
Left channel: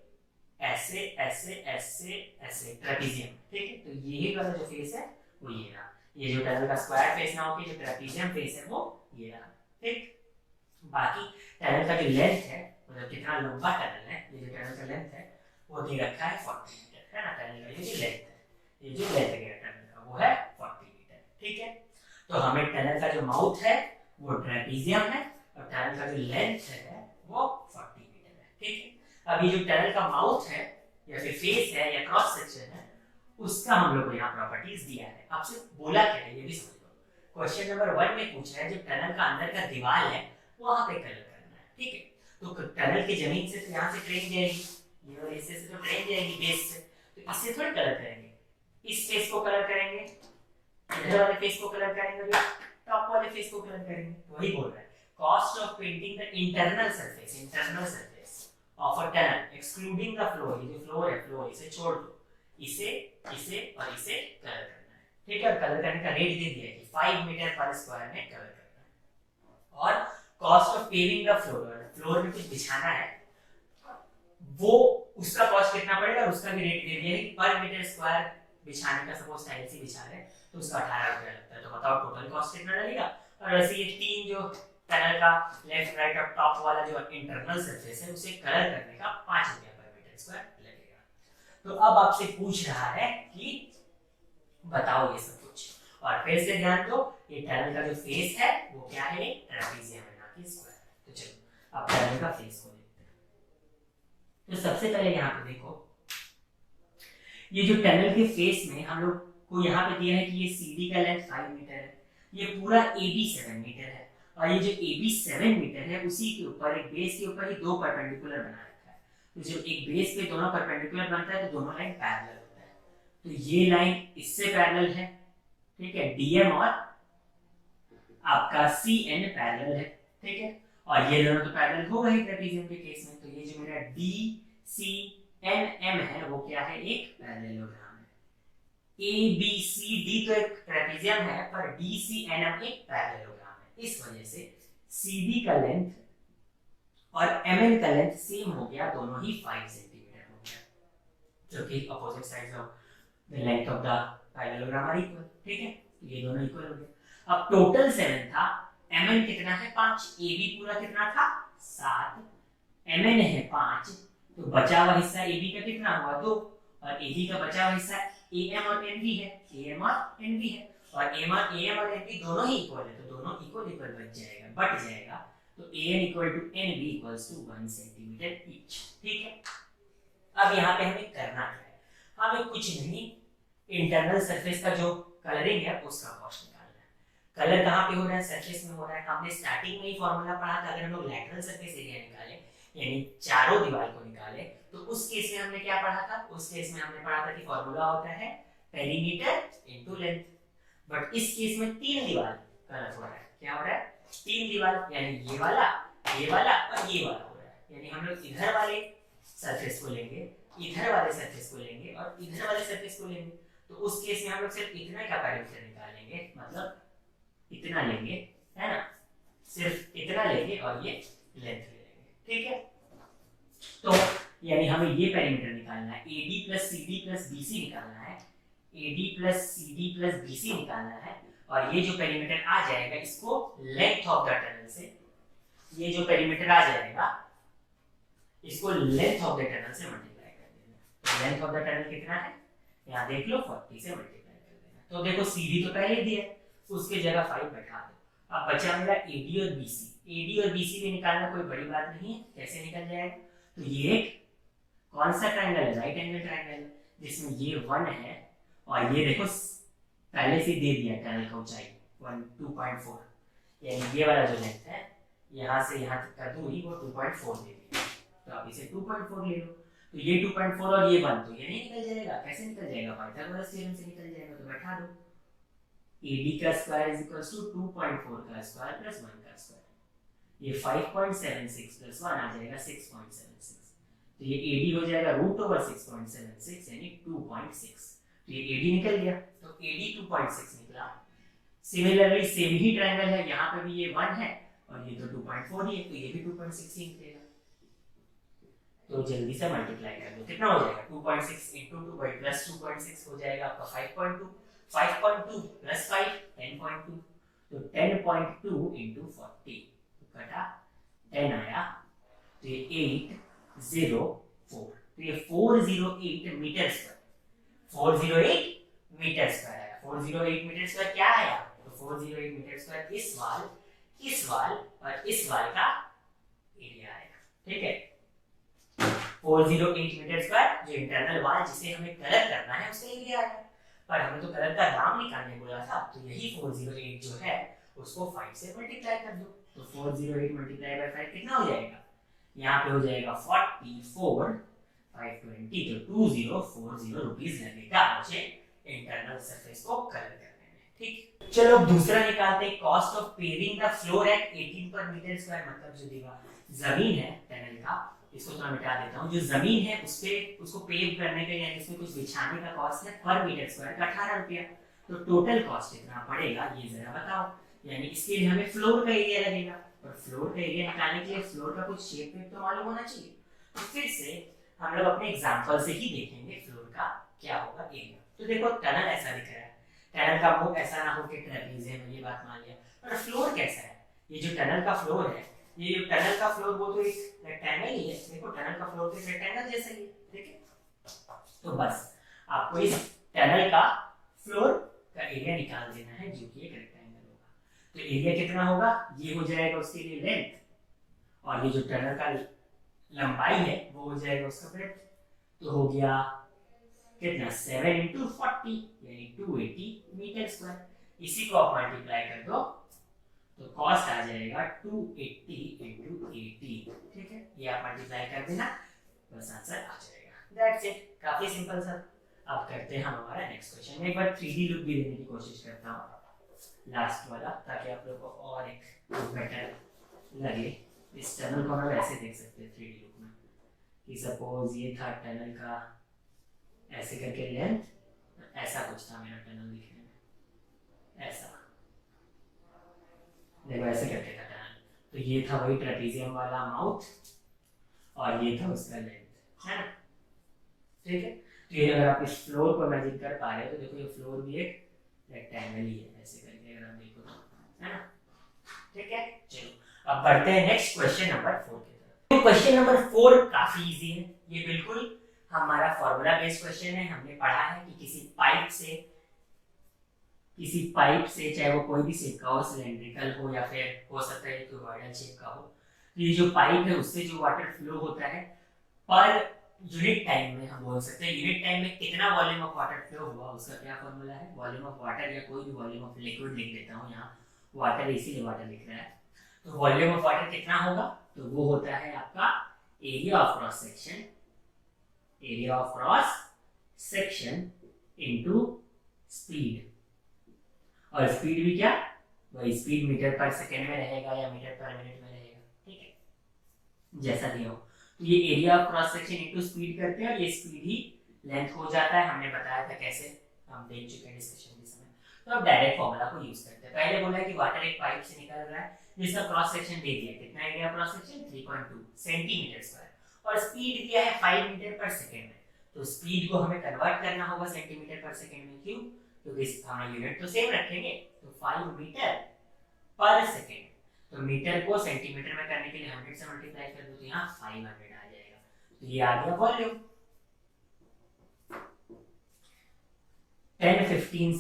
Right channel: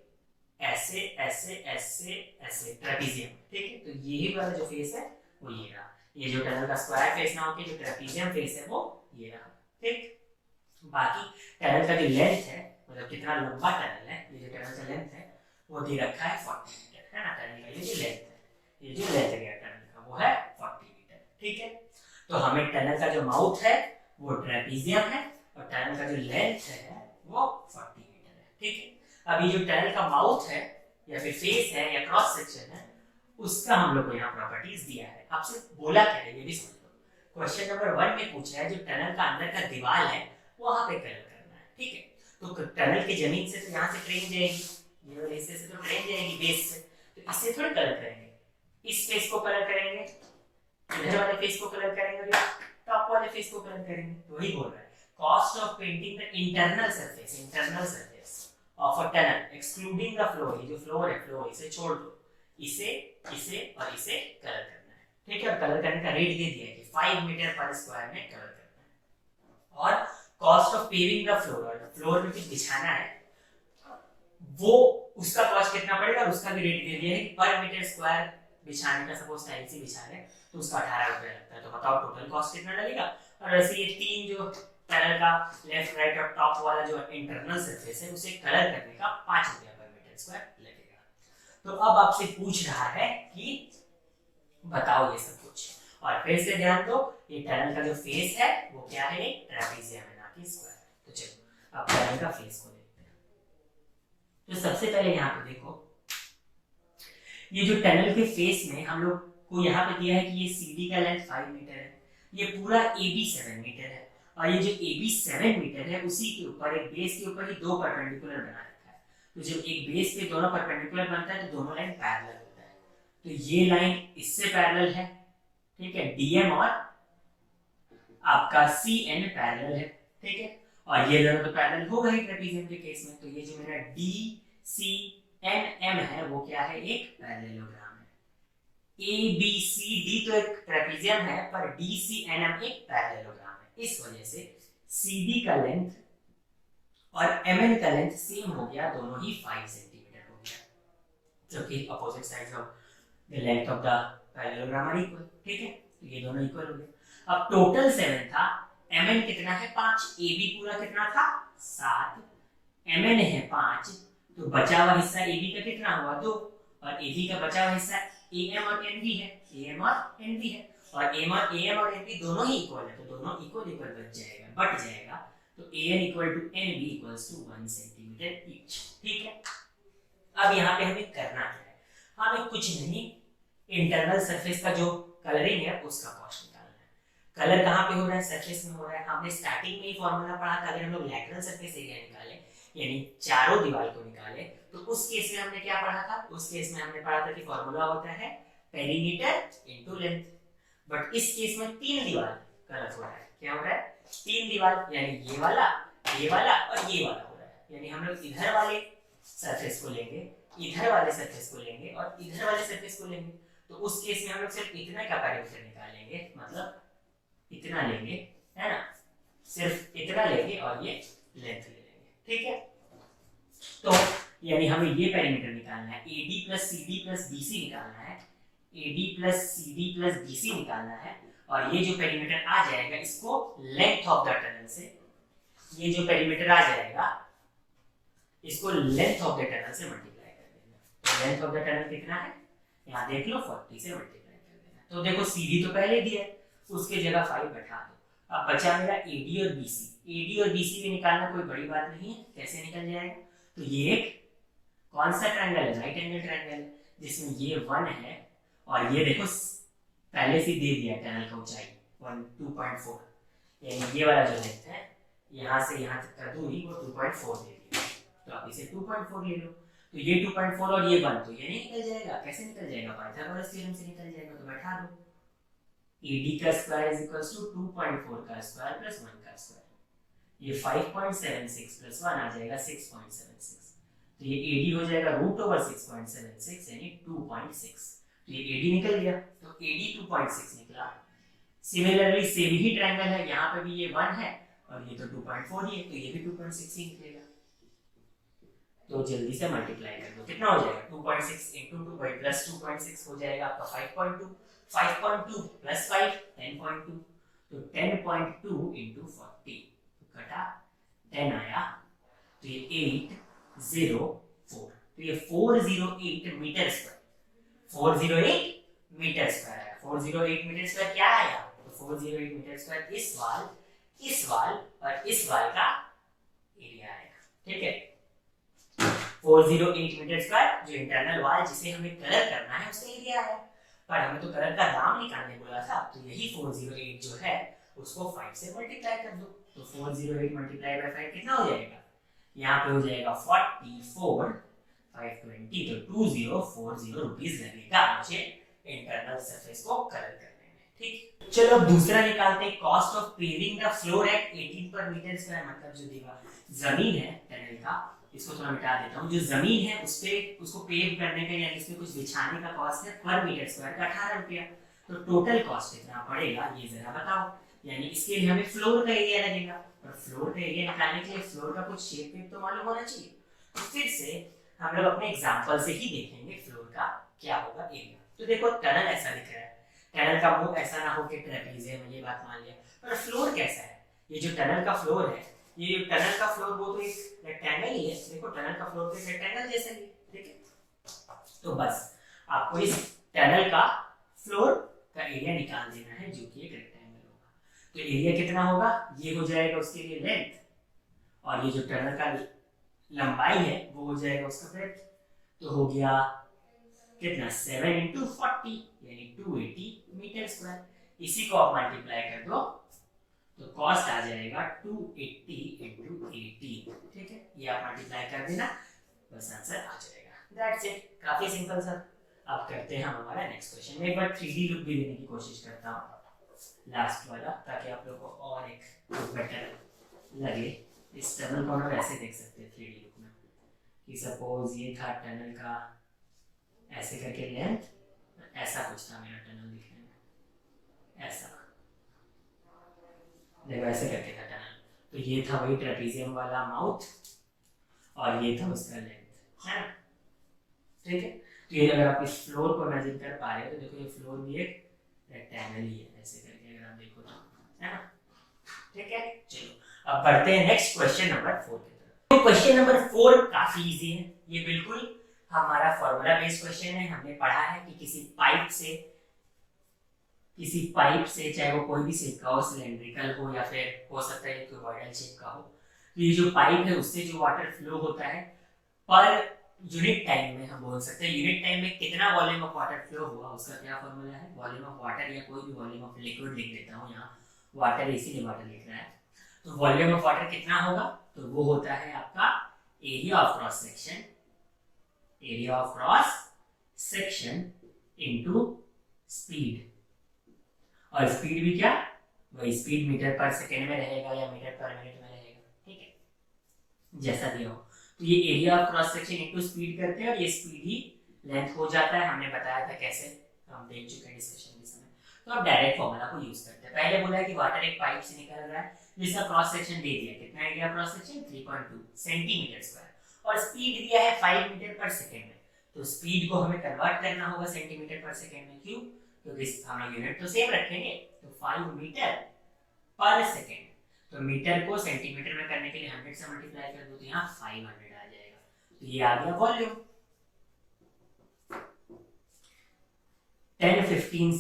ऐसे ऐसे ऐसे ऐसे ट्रेपेजियम, ठीक है। तो यही वाला जो फेस है वो ये रहा, ये जो टनल का स्क्वायर फेस ना होके जो ट्रेपेजियम फेस है वो ये रहा, ठीक। बाकी टनल का जो लेंथ है, मतलब कितना लंबा टनल है, ये जो टनल का लेंथ है वो दे रखा है 40 मीटर, है ना। टनल का ये जो लेंथ है, ये जो लेंथ गया टनल का वो है 40 मीटर, ठीक है। तो हमें टनल का जो माउथ है वो ट्रेपेजियम है, और टनल का जो लेंथ है वो 40 मीटर है, ठीक है। अब ये जो टनल का माउथ है या फिर फेस है या क्रॉस सेक्शन है, उसका हम लोग को यहाँ प्रॉपर्टीज दिया है। आपसे बोला क्या है ये भी समझ लो। क्वेश्चन नंबर 1 में पूछा है जो टनल का अंदर का दीवार है वहां पे कलर करना है, ठीक है। तो टनल की जमीन से तो यहाँ से ट्रेन जाएगी, ये वाले हिस्से से तो ट्रेन जाएगी बेस से, तो इससे थोड़ी कलर करेंगे, इस फेस को कलर करेंगे, इधर वाले फेस को कलर करेंगे, टॉप वाले फेस को कलर करेंगे। तो वही बोल रहा है, cost of painting the internal surface of a tunnel excluding the floor, ये जो फ्लोर है, फ्लोर इसे छोड़ दो, इसे इसे और इसे कलर करना है, ठीक है। और कलर करने का रेट दे दिया है कि 5 मीटर पर स्क्वायर में कलर करना है। और cost of paving the floor, floor में कुछ बिछाना है, वो उसका कॉस्ट कितना पड़ेगा, उसका भी रेट दे दिया है कि पर मीटर स्क्वायर बिछाने का, सपोज टाइल्स ही बिछा रहे तो उसका 18 रुपया लगता है। तो बताओ टोटल कॉस्ट कितना लगेगा। और वैसे ये तीन जो टनल का लेफ्ट राइट और टॉप वाला जो इंटरनल सरफेस है उसे कलर करने का 5 रुपया पर मीटर स्क्वायर लगेगा। तो अब आपसे पूछ रहा है कि बताओ ये सब कुछ, और फिर से ध्यान दो ये टनल का जो फेस है वो क्या है, एक ट्रेपेजियम है ना कि स्क्वायर। तो चलो अब टनल का फेस को देखते हैं। तो सबसे पहले यहाँ पे देखो, ये जो टनल के फेस में हम लोग को यहाँ पे दिया है कि ये CD का लेंथ 5 मीटर है, ये पूरा AB 7 मीटर है, और ये जो AB 7 मीटर है उसी के ऊपर एक बेस के ऊपर ही दो परपेंडिकुलर बना रखा है। तो जब एक बेस पे दोनों परपेंडिकुलर बनता है तो दोनों लाइन पैरेलल होता है। तो ये लाइन इससे पैरेलल है, ठीक है, DM और आपका CN पैरेलल है, ठीक है। और ये दोनों तो पैरेलल हो गए ट्रेपेजियम के केस में। तो ये जो मेरा DCNM है वो क्या है, एक पैरेललोग्राम है, ए बी सी डी तो एक ट्रेपेजियम है, पर डी सी एन एम एक पैरेललोग्राम है। इस वजह से सी डी का लेंथ और एम एन का लेंथ सेम हो गया, दोनों ही 5 सेंटीमीटर हो गया, जो कि opposite sides of the length of the parallelogram are equal. ठीक है, तो ये दोनों इक्वल हो गए। अब टोटल 7 था, एम एन कितना है 5, ए बी पूरा कितना था 7, एम एन है 5, तो बचा हुआ हिस्सा ए बी का कितना हुआ 2, और ए बी का बचा हुआ हिस्सा ए एम और एन बी है, ए एम और एन बी है, और ए एम और एन बी दोनों ही इक्वल है, तो दोनों इक्वल बच जाएगा, बट जाएगा, तो A N equal to N B equals to 1 centimetre each. ठीक है, अब यहाँ पे हमें करना क्या है, हमें कुछ नहीं, इंटरनल सरफेस का जो कलरिंग है उसका कॉस्ट निकालना है। कलर कहाँ पे हो रहा है, सरफेस में हो रहा है। हमने स्टार्टिंग में ही फॉर्मूला पढ़ा था, अगर हम लोग लैटरल सरफेस एरिया निकाले, यानी चारों दीवार को निकाले, तो उस केस में हमने क्या पढ़ा था, उस केस में हमने पढ़ा था कि फॉर्मूला होता है पेरीमीटर इनटू लेंथ। बट इस केस में 3 दीवार कलर हो रहा है, क्या हो रहा है 3 दीवार, यानी ये वाला और ये वाला हो रहा है, यानी हम लोग इधर वाले सरफेस को लेंगे, इधर वाले सरफेस को लेंगे और इधर वाले सरफेस को लेंगे, तो उस केस में हम लोग सिर्फ इतना का पेरीमीटर निकालेंगे, मतलब इतना लेंगे, है ना, सिर्फ इतना लेंगे और ये लेंथ ले लेंगे। ठीक है, तो यानी हमें ये पेरीमीटर निकालना है, AD plus CD plus BC निकालना है, AD plus CD plus BC निकालना है, और ये जो पेरीमीटर आ जाएगा इसको लेंथ ऑफ द टनल से, ये जो पेरीमीटर आ जाएगा इसको लेंथ ऑफ द टनल से मल्टीप्लाई कर देना। लेंथ ऑफ द टनल कितना है, यहाँ देख लो 40 से मल्टीप्लाई कर देना। तो देखो CD तो पहले दिया है, उसके जगह 5 बैठा दो। अब बचा मेरा AD और BC, AD और BC भी निकालना कोई बड़ी बात नहीं है, कैसे निकल जाएगा, तो ये एक कौन सा ट्रायंगल है, राइट एंगल ट्रायंगल, जिसमें ये 1 है और ये देखो पहले से दे दिया टनल का ऊंचाई 2.4, यानी ये वाला जो लेंथ है यहाँ से यहाँ तक का दूरी वो 2.4 दे दिया, तो आप इसे 2.4 ले लो, तो ये 2.4 और ये 1, तो ये नहीं निकल जाएगा, कैसे निकल जाएगा, पाइथागोरस थ्योरम से निकल जाएगा, तो बैठा दो AD का स्क्वायर इज इक्वल्स टू 2.4 का स्क्वायर प्लस 1 का स्क्वायर, ये 5.76 प्लस 1 आ जाएगा 6.76, तो ये AD हो जाएगा √6.76 यानी 2.6, तो ये AD निकल गया, तो AD 2.6 निकला। सिमिलरली सेम ही ट्रायंगल है, यहाँ पे भी ये 1 है और ये तो 2.4 ही है, तो ये भी 2.6 ही निकलेगा। तो जल्दी से मल्टीप्लाई कर दो, कितना हो जाएगा 2.6 into 2 by plus 2.6 हो जाएगा आपका 5.2, 5.2 plus 5 10.2, तो 10.2 into 40 कटा 10 आया, तो ये 804, तो ये 408 मीटर स्क्वायर, 408 मीटर स्क्वायर आया। 408 मीटर स्क्वायर क्या आया, तो 408 मीटर स्क्वायर इस वाल और इस वाल का एरिया आएगा। ठीक है, 408 मीटर स्क्वायर जो इंटरनल वाल जिसे हमें कलर करना है उसका एरिया है, पर हमें तो कलर का दाम निकालने बोला था, तो यही 408 जो है उसको 5 से मल्टीप्लाई कर दो, तो 408 मल्टीप्लाई बाय 5 कितना हो जाएगा, यहाँ पे हो जाएगा 44 520, तो 2040 रुपीस लगेगा मुझे इंटरनल सरफेस को कलर करने में। ठीक, चलो दूसरा निकालते हैं, cost of paving the floor at 18 per metre square, मतलब जो दीवार जमीन है टनल का, इसको थोड़ा मिटा देता हूँ, जो जमीन है उस पे उसको पेव करने का यानी इसमें कुछ बिछाने का कॉस्ट है पर मीटर स्क्वायर का 18 रुपया, तो टोटल कॉस्ट कितना पड़ेगा ये जरा बताओ, यानी इसके लिए हमें फ्लोर का एरिया लगेगा, और फ्लोर का एरिया निकालने के लिए फ्लोर का कुछ शेप वेप तो मालूम होना चाहिए, तो फिर से हम लोग अपने एग्जांपल से ही देखेंगे फ्लोर का क्या होगा एरिया। तो देखो टनल ऐसा दिख रहा है, टनल का मुंह ऐसा ना हो कि ट्रेपेजियम है, ये बात मान लिया, पर फ्लोर कैसा है, ये जो टनल का फ्लोर है, ये टनल का फ्लोर वो तो एक रेक्टेंगल ही है, देखो टनल का फ्लोर तो एक रेक्टेंगल जैसा ही, ठीक है, तो बस आपको इस टनल का फ्लोर का एरिया निकाल देना है जो कि एक रेक्टेंगल होगा, तो एरिया कितना होगा, ये हो जाएगा उसके लिए लेंथ, और ये जो टनल का लंबाई है वो हो जाएगा उसका ब्रेड्थ, तो हो गया कितना 7 into 40 यानी 280 मीटर स्क्वायर, इसी को आप मल्टीप्लाई कर दो तो कॉस्ट आ जाएगा 280 into 80, ठीक है, ये आप मल्टीप्लाई कर देना बस आंसर आ जाएगा, दैट्स इट, काफी सिंपल सर। अब करते हैं हम हमारा नेक्स्ट क्वेश्चन में, एक बार 3D लुक भी देने की कोशिश करता हूँ लास्ट वाला, ताकि आप लोगों को और एक बेटर लगे। इस टनल को हम ऐसे देख सकते हैं 3D लुक में कि सपोज ये था टनल का ऐसे करके लेंथ, तो ऐसा कुछ था मेरा टनल दिखने में, ऐसा देखो ऐसे करके था टनल। तो ये था वही ट्रेपीजियम वाला माउथ और ये था उसका लेंथ, है ना, ठीक है। तो ये अगर आप इस फ्लोर को इमेजिन कर पा रहे हो तो देखो ये फ्लोर भी एक रेक्टेंगल ही है, ऐसे करके अगर आप देखो तो, है ना, ठीक है। चलो अब बढ़ते हैं नेक्स्ट क्वेश्चन नंबर 4 की तरफ। तो क्वेश्चन नंबर 4 काफी इजी है, ये बिल्कुल हमारा फॉर्मूला बेस्ड क्वेश्चन है। हमने पढ़ा है कि किसी पाइप से चाहे वो कोई भी शेप का हो, सिलेंड्रिकल हो या फिर हो सकता है क्यूबॉइडल शेप का हो, ये जो पाइप है उससे जो वाटर फ्लो होता है पर यूनिट टाइम में, हम बोल सकते हैं यूनिट टाइम में कितना वॉल्यूम ऑफ वाटर फ्लो हुआ, उसका क्या फॉर्मूला है, वॉल्यूम ऑफ वाटर या कोई भी वॉल्यूम ऑफ लिक्विड लिख देता हूँ यहाँ, वाटर इसीलिए वाटर लिख रहा है। तो वॉल्यूम ऑफ वाटर कितना होगा, तो वो होता है आपका area of cross section, area of cross section into speed. और स्पीड भी क्या, वही स्पीड मीटर पर सेकेंड में रहेगा या मीटर पर मिनट में रहेगा, ठीक है, जैसा दिया हो। तो ये area of cross section into speed करते हैं और ये स्पीड ही लेंथ हो जाता है। हमने बताया था कैसे, हम देख चुके हैं डिस्कशन के समय। तो अब डायरेक्ट फॉर्मूला को यूज करते हैं। पहले बोला है कि वाटर एक पाइप से निकल रहा है जिसका क्रॉस सेक्शन दे दिया, कितना area cross section 3.2 centimetre square और स्पीड दिया है 5 मीटर पर सेकंड में। तो स्पीड को हमें कन्वर्ट करना होगा सेंटीमीटर पर सेकंड में, क्यों, क्योंकि हम यूनिट तो सेम रखेंगे। तो 5 मीटर पर सेकंड, तो मीटर को सेंटीमीटर में करने के लिए 100 से मल्टीप्लाई कर दो तो यहाँ 500 आ जाएगा। तो ये आ गया volume 10, 15,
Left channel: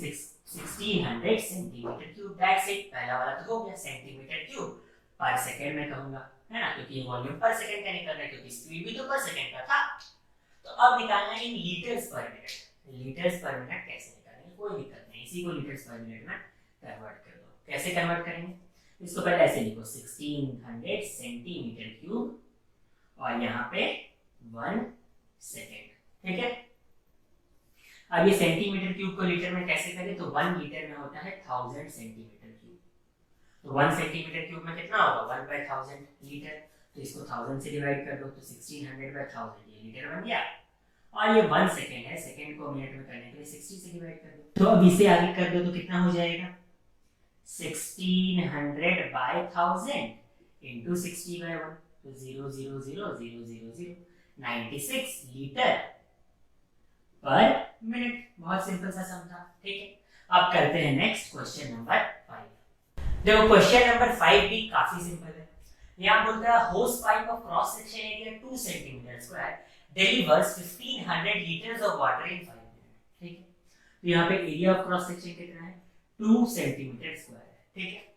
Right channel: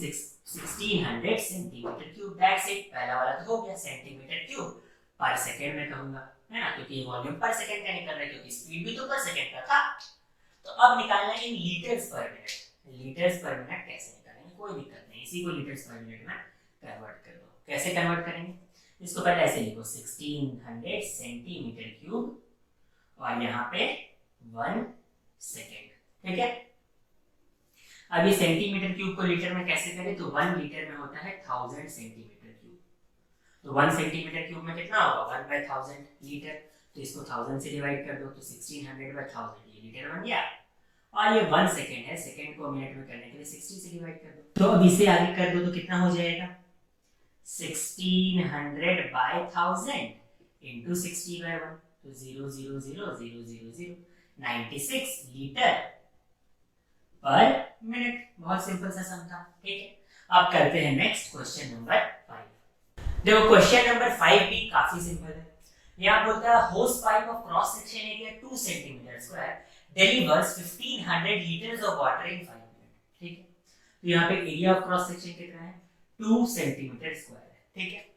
1600 centimetre cube. That's it. पहला वाला तो हो गया, सेंटीमीटर क्यूब पर सेकंड में कहूंगा, है ना, क्योंकि ये वॉल्यूम पर सेकंड का निकल रहा है, क्योंकि स्पीड भी तो पर सेकंड का था। तो अब निकालना है इन लीटर्स पर मिनट। लीटर्स पर मिनट कैसे निकालेंगे, कोई दिक्कत नहीं, इसी को लीटर्स पर मिनट में कन्वर्ट कर दो। कैसे कन्वर्ट करेंगे, इसको पहले ऐसे लिखो 1600 सेंटीमीटर क्यूब और यहाँ पे 1 सेकेंड, ठीक है। अब ये सेंटीमीटर क्यूब को लीटर में कैसे करें, तो 1 लीटर में होता है 1000 सेंटीमीटर क्यूब। तो 1 सेंटीमीटर क्यूब में कितना होगा, 1/1000 लीटर। तो इसको 1000 से डिवाइड कर दो तो 1600/1000 ये लीटर बन गया। और ये 1 सेकेंड है, सेकेंड को मिनट में करने के लिए 60 से डिवाइड कर दो। तो अब इसे आगे कर दो तो कितना हो जाएगा, 1600/1000 इंटू 60/1, तो 0.00000 96 लीटर पर मिनट। बहुत सिंपल सा सम था, ठीक है। अब करते हैं नेक्स्ट क्वेश्चन नंबर 5। देखो क्वेश्चन नंबर 5 भी काफी सिंपल है। यहाँ बोलता है होस pipe of cross section area 2 centimetre square delivers 1500 liters of water in 5 minutes, ठीक है। तो यहाँ पे एरिया ऑफ क्रॉस सेक्शन कितना है, 2 सेंटीमीटर स्क्वायर है, ठीक है।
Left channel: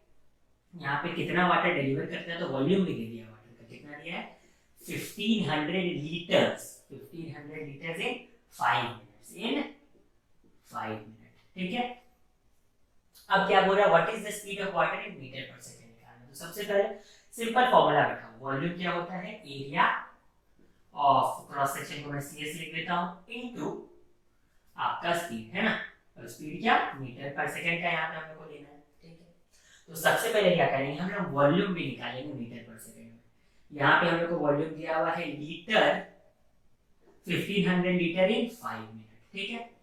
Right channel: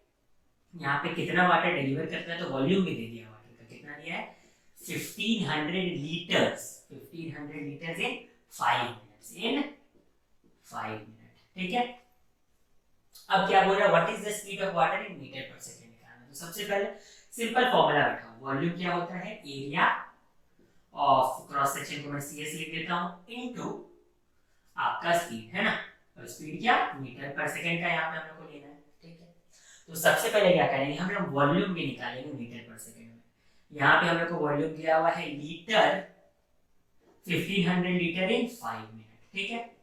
यहाँ पे कितना वाटर डिलीवर करता है, तो वॉल्यूम भी दे दिया वाटर का, कितना दिया है 1500 litres, 1500 litres in 5 minutes, in 5 minute, ठीक है। अब क्या बोल रहा है, what is the speed of water in metre per second निकालना। तो सबसे पहले सिंपल फॉर्मूला बैठा, वॉल्यूम क्या होता है, एरिया ऑफ क्रॉस सेक्शन को मैं CS लिख देता हूं इनटू आपका स्पीड, है ना। और स्पीड क्या, मीटर पर सेकंड का यहाँ पे हम लोग को लेना है, ठीक है। तो सबसे पहले क्या करेंगे, हम लोग वॉल्यूम भी निकालेंगे मीटर पर सेकंड में। यहाँ पे हम लोग को वॉल्यूम दिया हुआ है लीटर, 1500 लीटर इन 5 मिनट, ठीक है।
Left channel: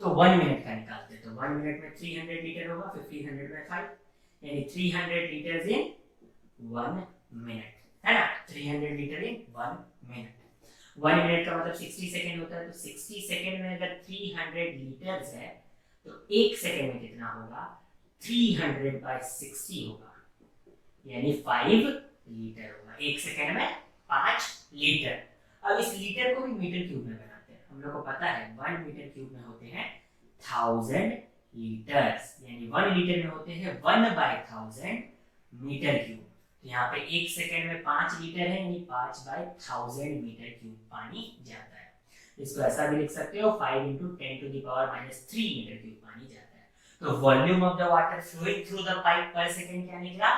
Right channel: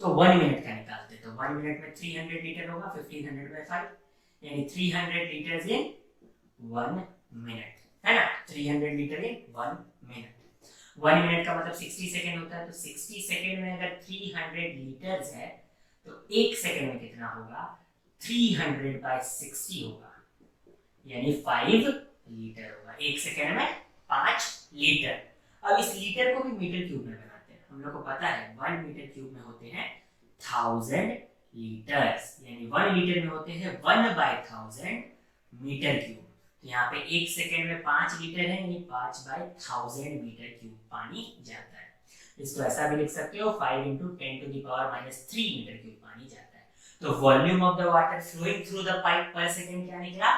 तो 1 मिनट का निकालते हैं, तो 1 मिनट में 300 लीटर होगा, 1500/5 यानी 300 लीटर्स इन 1 मिनट, है ना। 300 लीटर इन 1 मिनट। 1 मिनट का मतलब 60 सेकेंड होता है, तो 60 सेकेंड में अगर 300 लीटर्स है तो 1 सेकेंड में कितना होगा, 300/60 होगा, यानी 5 लीटर होगा। 1 सेकेंड में 5 लीटर। अब इस लीटर को भी मीटर क्यूब में बनाते हैं। हम लोग को पता है 1 मीटर क्यूब में होते हैं 1000 लीटर्स, यानी 1 लीटर में होते हैं 1/1000 मीटर क्यूब। तो यहाँ पे 1 सेकेंड में 5 लीटर है, यानी 5/1000 मीटर क्यूब पानी जाता है। इसको ऐसा भी लिख सकते हो 5 × 10⁻³ मीटर क्यूब पानी जाता है। तो volume of the water flowing through the pipe per second क्या निकला,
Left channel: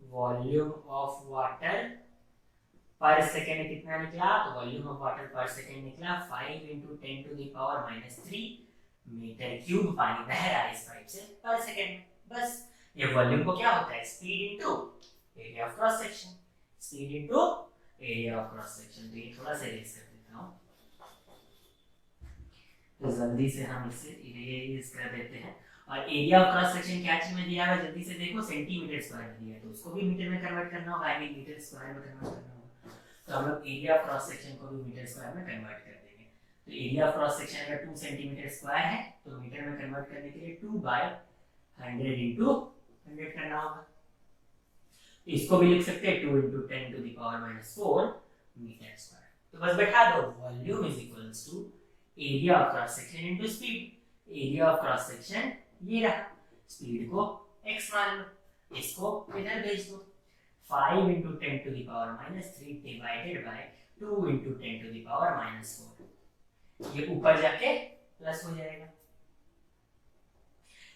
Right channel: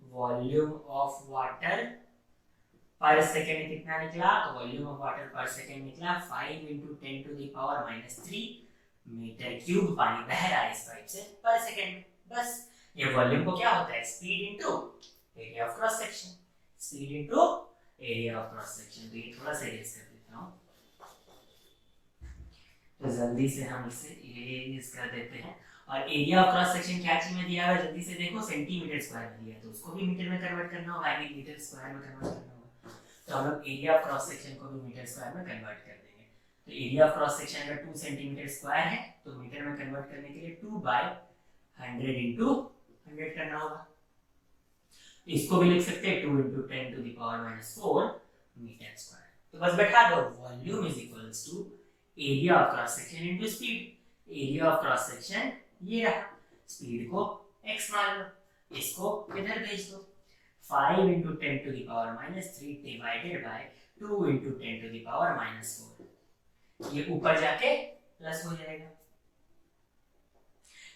volume of water per second कितना निकला, तो volume of water per second निकला 5 × 10⁻³ मीटर क्यूब पानी बह रहा है इस पाइप से पर सेकेंड में। बस ये वॉल्यूम को क्या होता है, speed into area of cross section, speed into area of cross section. तो ये थोड़ा सा इरेज कर देता हूं। तो जल्दी से हम इसे इरेज कर देते हैं। और एरिया ऑफ क्रॉस सेक्शन क्या चीज में दिया है, जल्दी से देखो, सेंटीमीटर स्क्वायर में दिया है, तो उसको भी मीटर में कन्वर्ट करना होगा, यानी मीटर स्क्वायर में कन्वर्ट करना होगा। तो हम लोग एरिया ऑफ क्रॉस सेक्शन को भी मीटर स्क्वायर में कन्वर्ट कर देंगे। तो एरिया ऑफ क्रॉस सेक्शन अगर 2 सेंटीमीटर स्क्वायर है तो मीटर में कन्वर्ट करने के लिए 2/100 इंटू 100 करना होगा। इसको भी लिख सकते हैं 2 इंटू 10⁻⁻4 मीटर स्क्वायर। तो बस बैठा दो, volume is equals to area of cross section into speed. Area of cross section ये रहा, स्पीड को x मान लो, इसको इधर भेज दो। 5 इंटू 10⁻³ डिवाइडेड बाय 2 इंटू 10⁻⁴। ये ऊपर जाके प्लस हो जाएगा।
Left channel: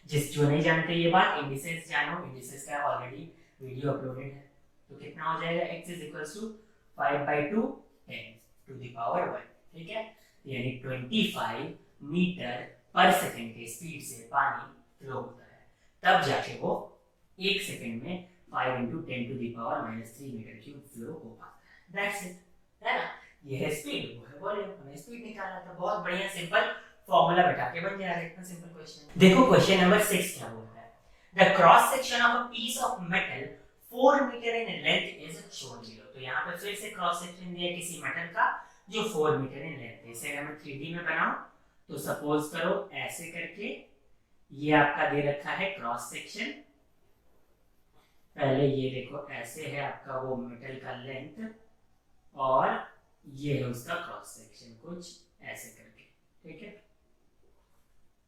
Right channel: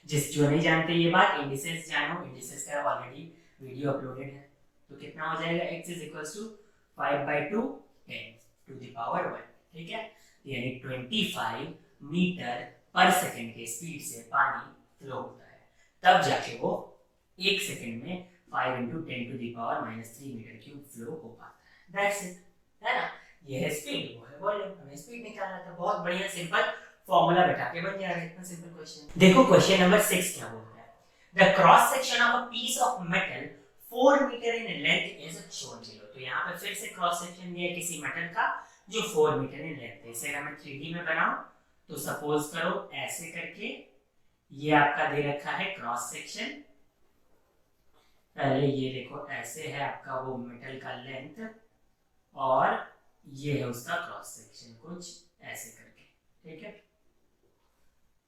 जो नहीं जानते ये बात, इंडिसेस जानो, इंडिसेस का ऑलरेडी वीडियो अपलोडेड है। तो कितना हो जाएगा, x इज इक्वल्स टू 5/2 10⁻⁴, ठीक है। यानी 25 मीटर पर सेकंड के स्पीड से पानी फ्लो होता है, तब जाके वो 1 सेकंड में 5 इंटू 10⁻³ मीटर क्यूब फ्लो हो पाता है। दैट्स इट, है ना। ये है स्पीड, वो है वॉल्यूम। हमें स्पीड निकालना था, बहुत बढ़िया सिंपल फॉर्मूला बैठा के बन जा रहा है, इतना सिंपल क्वेश्चन। देखो क्वेश्चन नंबर 6 क्या बोल रहा है, the cross section of a piece of metal 4 metre in length is shown below. तो यहाँ पे फिर से क्रॉस सेक्शन दिया है किसी मेटल का जो 4 मीटर इन लेंथ है। इसे अगर मैं 3D में बनाऊं तो सपोज करो ऐसे करके, ये आपका दे रखा है क्रॉस सेक्शन। पहले ये देखो ऐसे है आपका वो मेटल का लेंथ, और ये है उसका क्रॉस सेक्शन कुछ ऐसे करके, ठीक है।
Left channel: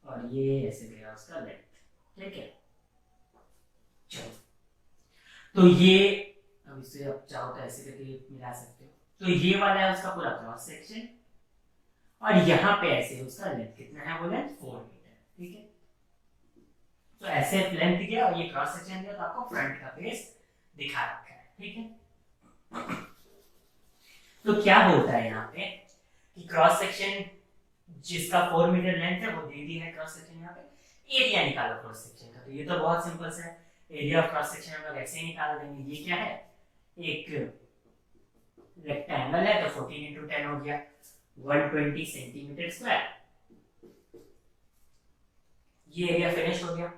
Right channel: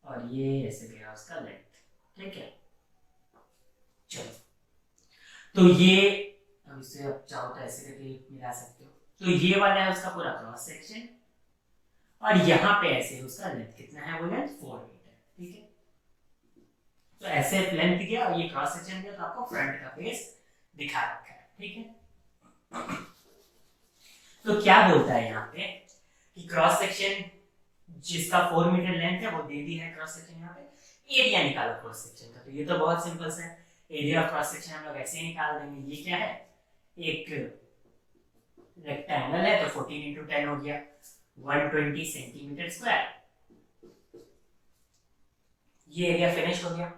और ये ऐसे गया उसका लेंथ, ठीक है। चलो, तो ये अब इसे आप चाहो तो ऐसे करके मिला सकते हो। तो ये वाला है उसका पूरा क्रॉस सेक्शन, और यहाँ पे ऐसे उसका लेंथ कितना है, वो लेंथ 4 मीटर, ठीक है। तो ऐसे लेंथ गया और ये क्रॉस सेक्शन गया, तो आपको फ्रंट का फेस दिखा रखा है, ठीक है। तो क्या बोलता है यहाँ पे कि क्रॉस सेक्शन जिसका 4 मीटर लेंथ है वो दे दी है क्रॉस सेक्शन। यहाँ पे एरिया निकालो क्रॉस सेक्शन का, तो ये तो बहुत सिंपल सा है। एरिया ऑफ क्रॉस सेक्शन हम लोग ऐसे ही निकाल देंगे। ये क्या है, एक रेक्टेंगल है, तो 14 इंटू 10 हो गया 120 सेंटीमीटर स्क्वायर। ये एरिया फिनिश हो गया।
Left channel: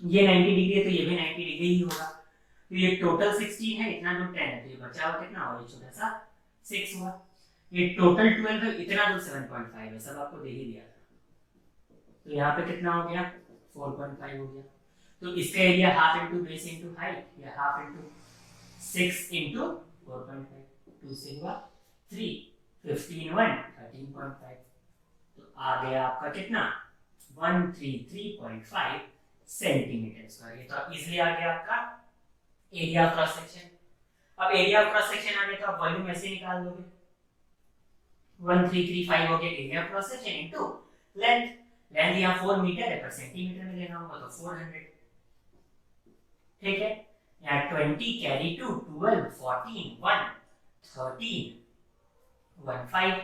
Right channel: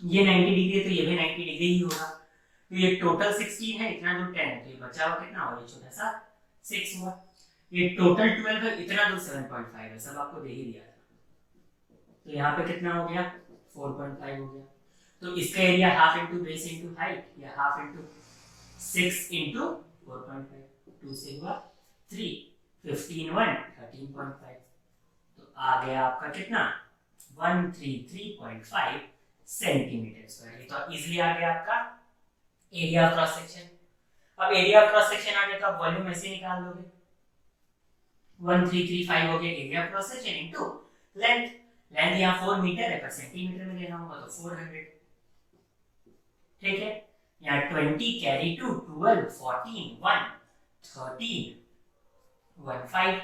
ये 90 डिग्री है तो ये भी 90 डिग्री ही होगा। तो ये टोटल 16 है, इतना दूर 10 है, तो ये बचा हुआ कितना, और ये छोटा सा 6 हुआ। ये टोटल 12 है, इतना दूर 7.5 है, सब आपको दे ही दिया था। तो यहाँ पे कितना हो गया, 4.5 हो गया। तो इसका area half into base into height, या हाफ इंटू 6 इंटू 4.5, 2 से हुआ 3, 15 1 13.5। तो आ गया आपका कितना, 133.5 सेंटीमीटर स्क्वायर। ये तो इजीली आ गया आपका एरिया ऑफ क्रॉस सेक्शन। अब एरिया ऑफ क्रॉस सेक्शन आ गया तो आप वॉल्यूम ऐसे निकाल दोगे, 1335 हो गया area of cross section into length. Length यहाँ 4 मीटर है, पर सेंटीमीटर में लेना होगा तो 400, ठीक है। यहाँ 20 कैरी टू 12 14 1 13 1 5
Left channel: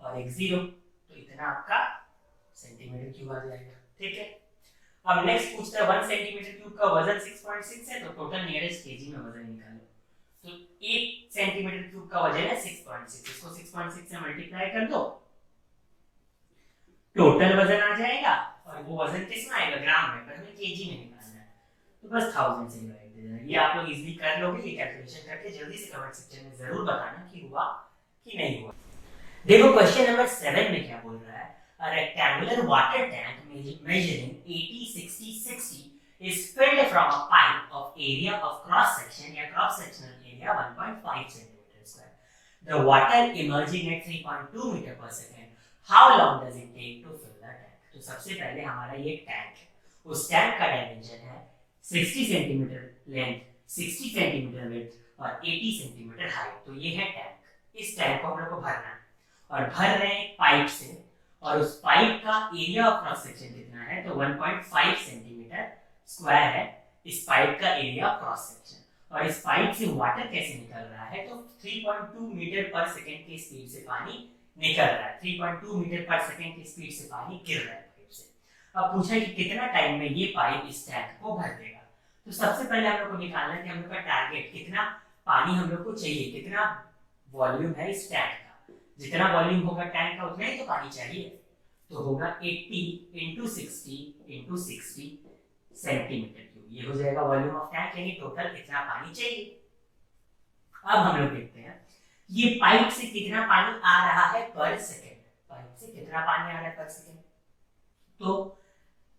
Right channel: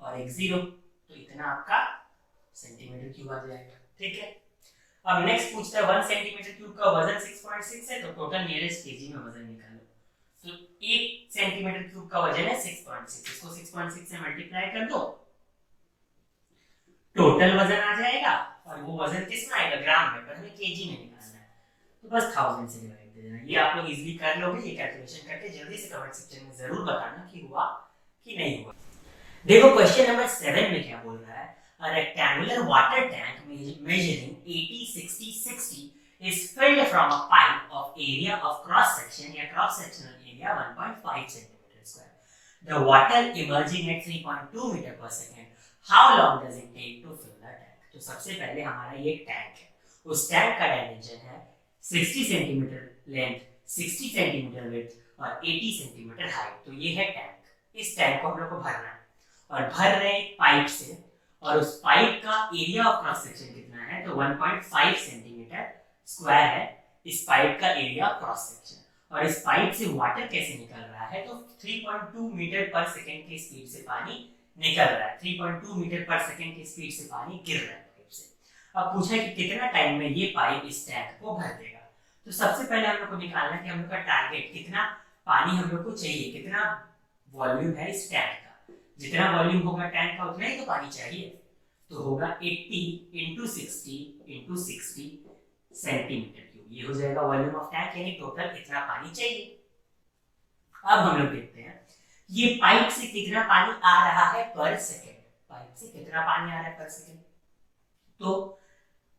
और एक 0, तो इतना आपका सेंटीमीटर क्यूब आ जाएगा, ठीक है। अब नेक्स्ट पूछता है 1 सेंटीमीटर क्यूब का वजन 6.6 है, तो टोटल नियरेस्ट केजी में वजन निकालो। तो 1 सेंटीमीटर क्यूब का वजन है 6.6, इसको 6.6 से मल्टीप्लाई कर दो, टोटल वजन आ जाएगा। और वो वजन किस में आएगा, ग्राम में, पर हमें केजी में निकालना है, तो बस 1000 से डिवाइड दे देना। ये आप लोग इजीली कर लोगे, ये कैलकुलेशन करके जल्दी से कमेंट सेक्शन में जरूर बताना कि हुआ कि नहीं हुआ। देखो क्वेश्चन नंबर 7 में क्या बोल रहा है, a rectangular water tank measuring 80 60 60 is filled from a pipe of area of cross section या cross sectional area 1.5 centimeter square. The water emerging at 3.2 meter per second. How long does it take to fill the tank? तो सबसे पहले हमारा ये tank है, उस tank का dimension है 60 सेंटीमीटर लेंथ, 60 सेंटीमीटर विड्थ और 80 सेंटीमीटर हाइट। तो ये है टैंक। इस टैंक को हम लोग को भरना है, और भर रहे हैं पाइप से, और उस पाइप का एरिया ऑफ क्रॉस सेक्शन कितना है, तो 1.5 सेंटीमीटर स्क्वायर है इस पाइप का एरिया ऑफ क्रॉस सेक्शन। और इस पाइप से वाटर कैसे निकल रहा है, तो 3.2 मीटर पर सेकंड की स्पीड से पानी निकल रहा है, 3.2 मीटर पर सेकंड की स्पीड से पानी गिर रहा है पाइप से। अब पूछा कि कितना टाइम में ये पाइप इस टैंक को भर देगा। तो सबसे पहले हम लोग को निकालना है कि हम लोग का टारगेट कितना पानी हम लोग को चाहिए, कितना वॉल्यूम है इस टैंक का। जितना वॉल्यूम होगा टैंक का उतना ही तो पानी चाहिए, तो होगा 80 इंटू 60 इंटू 60 सेंटीमीटर क्यूब, ये हो जाएगा वॉल्यूम ऑफ टैंक, यानी टोटल इतना पानी चाहिए। अब हम लोग देखते हैं ये पाइप से कितना पानी आ रहा है पर सेकेंड, पाइप से कितना पानी आ रहा है पर सेकेंड। तो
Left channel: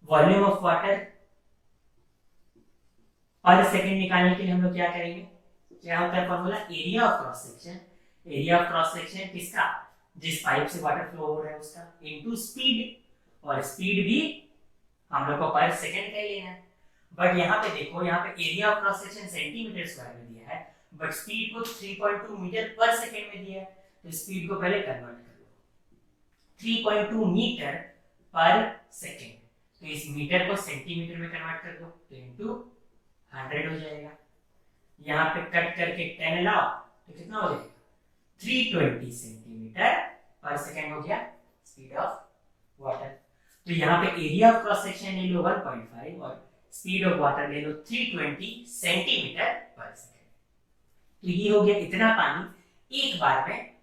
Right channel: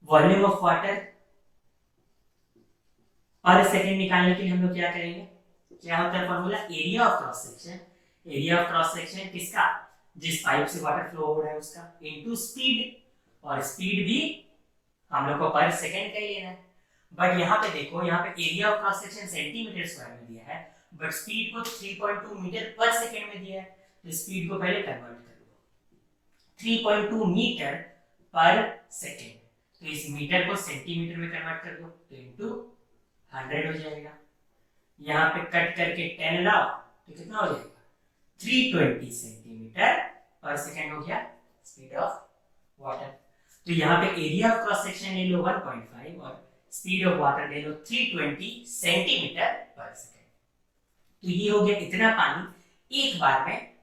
volume of water per second निकालने के लिए हम लोग क्या करेंगे, क्या होता है formula, area of cross section, area of cross section किसका, जिस पाइप से वाटर फ्लो हो रहा है उसका, इनटू स्पीड, और स्पीड भी हम लोग को पर सेकेंड का ही लेना है। बट यहाँ पे देखो, यहाँ पे area of cross section centimetre square में दिया है, बट स्पीड को 3.2 मीटर पर सेकेंड में दिया है, तो स्पीड को पहले कन्वर्ट कर लो, 3.2 मीटर पर सेकेंड, तो इस मीटर को सेंटीमीटर में कन्वर्ट कर दो, तो इंटू 100 हो जाएगा। यहाँ पे कट करके 10 लाओ तो कितना हो जाएगा, 320 सेंटीमीटर पर सेकेंड हो गया स्पीड ऑफ वाटर। तो यहाँ पे एरिया ऑफ क्रॉस सेक्शन ले लो 1.5 और स्पीड ऑफ वाटर ले लो 320 सेंटीमीटर पर सेकेंड। तो ये हो गया इतना पानी एक बार में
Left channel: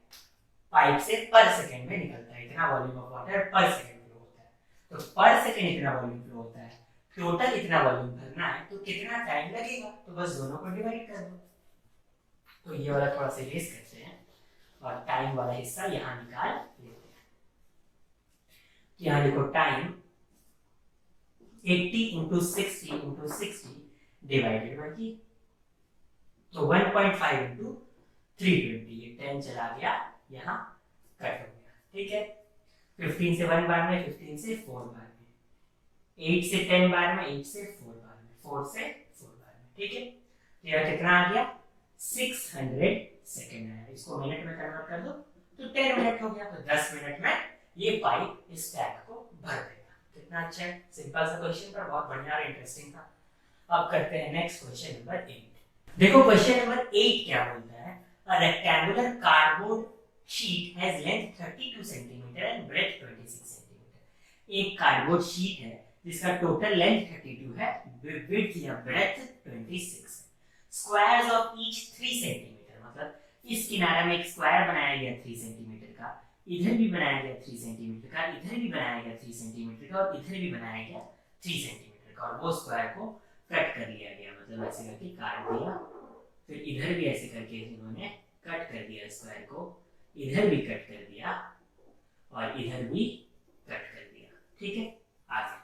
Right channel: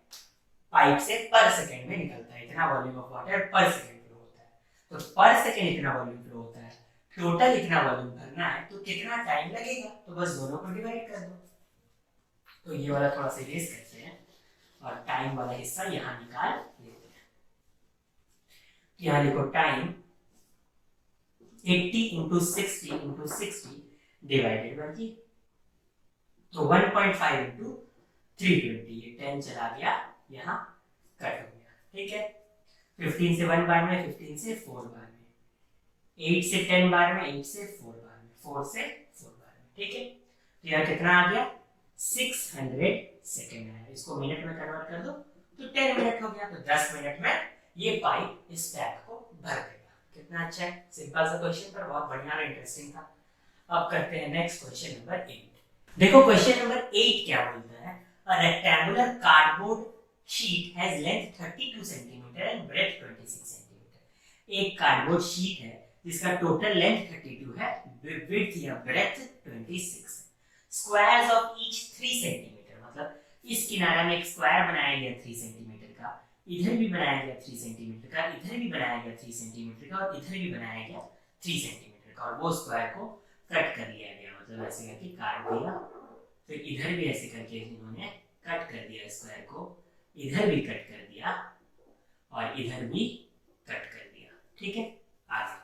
पाइप से पर सेकेंड में निकलता है, इतना volume of water per second flow होता है। तो पर सेकेंड इतना वॉल्यूम फ्लो होता है, टोटल इतना वॉल्यूम भरना है तो कितना टाइम लगेगा, तो बस दोनों को डिवाइड कर दो। तो ये वाला थोड़ा सा इरेज करते हैं और टाइम वाला हिस्सा यहाँ निकाल लेते हैं। यहाँ देखो टाइम 80 इंटू 60 डिवाइडेड बाई जी, तो 1.5 इंटू 320, ये 10 चला गया यहाँ कट हो गया, ठीक है। 15 से 1 बार में, 15 से 4 बार में, 8 से 10 बार में, 8 से 4 बार में, 4 से 4 बार में, ठीक है। तो यहाँ कितना आ गया 600 सेकेंड आया, इसको मिनट में कन्वर्ट कर दो तो 10 मिनट हो गया, तो 10 मिनट में ये पाइप इस टैंक को भर देगा। कितना अच्छा है, सिंपल सा क्वेश्चन पर बहुत बढ़िया और इंटरेस्टिंग था। अब करते हैं नेक्स्ट क्वेश्चन नंबर 8। देखो क्वेश्चन नंबर 8 क्या बोलता है, a rectangular cardboard sheet has length 32 cm and breadth 26 cm। एक कार्डबोर्ड शीट है जिसका टोटल लेंथ 32 है, विड्थ या ब्रेथ 26 है, स्क्वायर्स ऑफ ईच 3 सेंटीमीटर, मतलब इस किनारे में एक स्क्वायर बनाया गया 3 सेंटीमीटर का, इधर भी बनाया गया 3 सेंटीमीटर का, इधर भी बनाया गया 3 सेंटीमीटर का, और इधर भी बनाया गया 3 सेंटीमीटर का, और वो स्क्वायर को कट कर लिया गया, मतलब ऐसे करके काट दिया, फिर इधर भी ऐसे करके इन्होंने कट कर दिया स्क्वायर को, इधर भी कट कर दिया और इधर भी कट कर दिया, ठीक है। आगे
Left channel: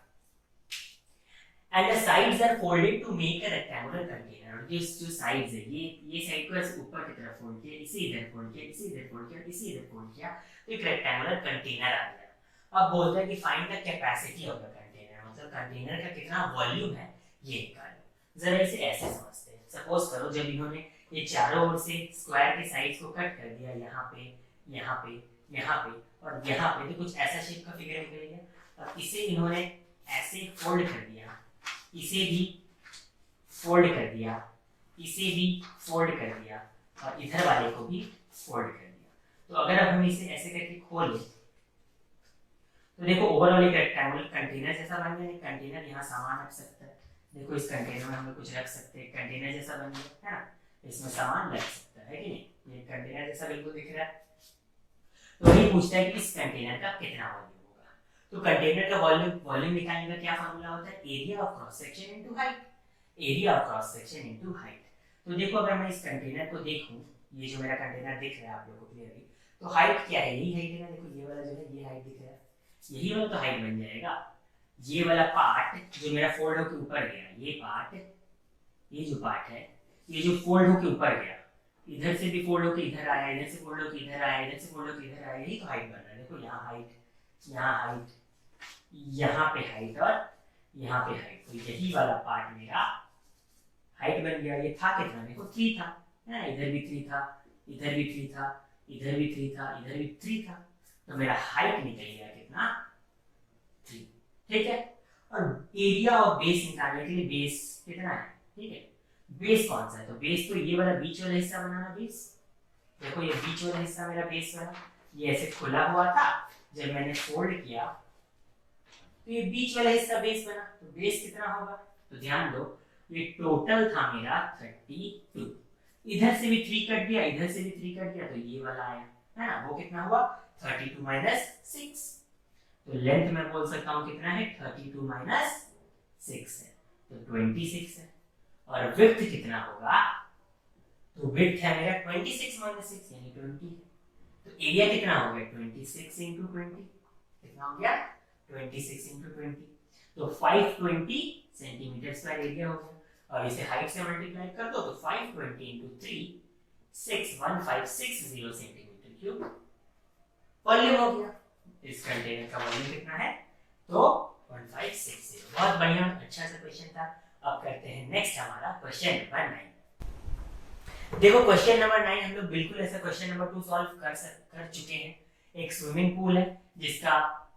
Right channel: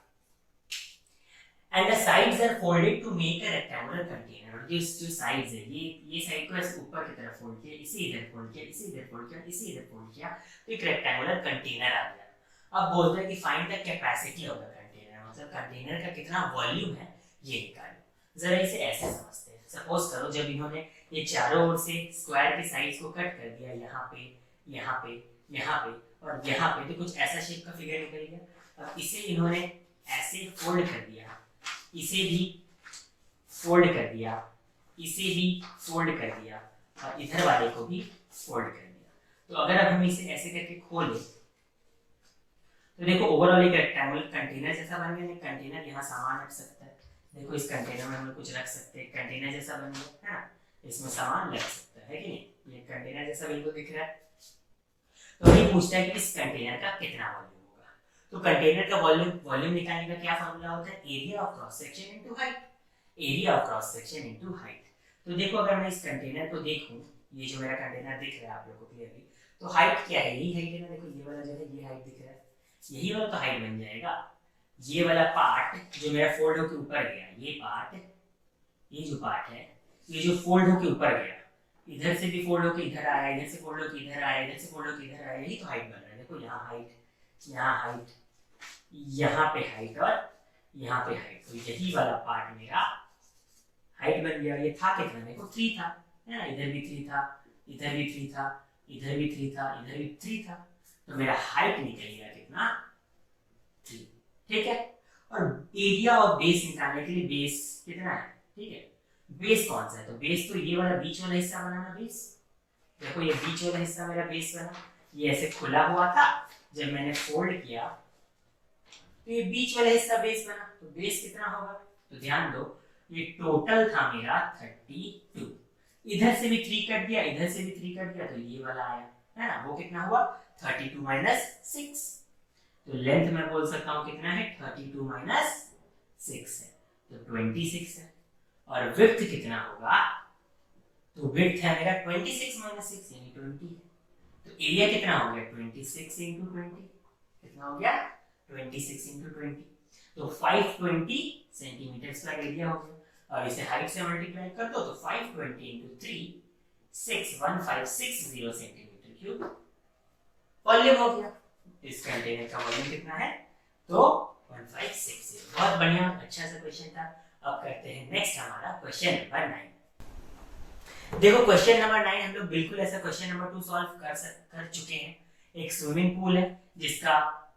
and the sides are folded to make a rectangular container, और जो साइड्स है ये साइड को ऐसे ऊपर की तरफ फोल्ड किया, इसे इधर फोल्ड किया, इसे इधर फोल्ड किया, इसे इधर फोल्ड किया, तो एक रेक्टेंगुलर कंटेनर आ गया। अब बोलते हैं कि find the capacity of the container, मतलब कंटेनर का कितना वॉल्यूम है ये निकालो। जरा इसे ऐसे समझते हैं, सपोज करो जब इन्होंने ये चारों ओर से स्क्वायर के साइड्स को कट कर दिया, यहाँ पे यहाँ पे यहाँ पे और यहाँ पे, तो कुछ ऐसा शेप का फिगर निकल गया। अब इसे इन्होंने ऐसे फोल्ड कर दिया, इसे भी फोल्ड कर दिया, इसे भी फोल्ड कर दिया, और इधर वाले को भी फोल्ड कर दिया। तो अगर अब हम इसे ऐसे करके खोलें तो देखो ओवरऑल एक रेक्टेंगुलर कंटेनर जैसा बन गया। एक कंटेनर यहाँ सामान रख सकता है, देखो इस कंटेनर में हम लोग कुछ रख सकते हैं, कंटेनर जैसा बन गया है ना, इसमें सामान रख सकता है कि नहीं, ये कंटेनर जैसा बिल्कुल दिख रहा है। तो ये पूछता है कि इस कंटेनर का कितना वॉल्यूम होगा। तो कंटेनर का वॉल्यूम निकालने का क्या फॉर्मूला होता है, area of cross section into height, area of cross section into height. तो देखो अगर मैं इस कंटेनर को देखूं, ये जो मेरा कंटेनर दिख रहा है आप लोगों को क्लियरली, तो हाइट क्या है, यही हाइट है ना, देखो ये वाला जो है ये हाइट दिख रहा है, यही वाला तो हाइट बन जाएगा। ये वाला पार्ट जो मेरा फोल्ड होकर ऊपर गया, ये पार्ट, ये जो पार्ट है, ये जो फोल्ड होकर ऊपर गया, इधर से भी फोल्ड होकर इधर आया, इधर से फोल्ड होकर इधर आया, इधर से फोल्ड होकर इधर आया, यही तो हाइट बन रहा है। देखो यहाँ हाइट, यहाँ हाइट, यहाँ पे हाइट और यहाँ पे हाइट, तो यही वाला पार्ट मेरा हाइट बन गया। ये था कितना, देखो 3 था, है ना, इधर भी 3 था, इधर भी 3 था, इधर भी 3 था, इधर भी 3 था, तो मेरा हाइट निकल गया कितना, 3, ठीक है। और एरिया ऑफ बेस निकालने के लिए बेस कितना है, ठीक है, बेस कौन सा है, तो बेस तो ये वाला बीच वाला हिस्सा बनाना, बेस देखो ये बीच वाला हिस्सा मेरा बेस बना, ये ऐसे खुला हुआ था, जब मैंने फोल्ड किया तो ये बीच वाला हिस्सा बेस बना, तो बेस कितना होगा, तो ध्यान दो ये टोटल था मेरा 32, इधर से भी 3 कट दिया, इधर से भी 3 कट दिया, तो ये वाला आया, है ना, वो कितना हुआ 32 माइनस 6। तो लेंथ में बोल सकता हूँ कितना है 32 माइनस 6 है, तो 26 है। और विड्थ कितना होगा, तो विड्थ है मेरा 26 माइनस 6 यानी 20। तो एरिया कितना हो गया 26 इंटू 20, कितना हो गया 26 इंटू 20, तो 520 सेंटीमीटर स्क्वायर एरिया हो गया। और इसे हाइट से मल्टीप्लाई कर दो तो 520 इंटू 3 61560 सेंटीमीटर क्यूब वॉल्यूम हो गया। इस कंटेनर का वॉल्यूम कितना है, तो 1560। बहुत बढ़िया, अच्छा सा क्वेश्चन था। अब करते हैं नेक्स्ट हमारा क्वेश्चन नंबर 9। देखो क्वेश्चन नंबर 9 हम लोग बिल्कुल ऐसा क्वेश्चन नंबर 2 सॉल्व कर चुके हैं। एक स्विमिंग पूल है जिसका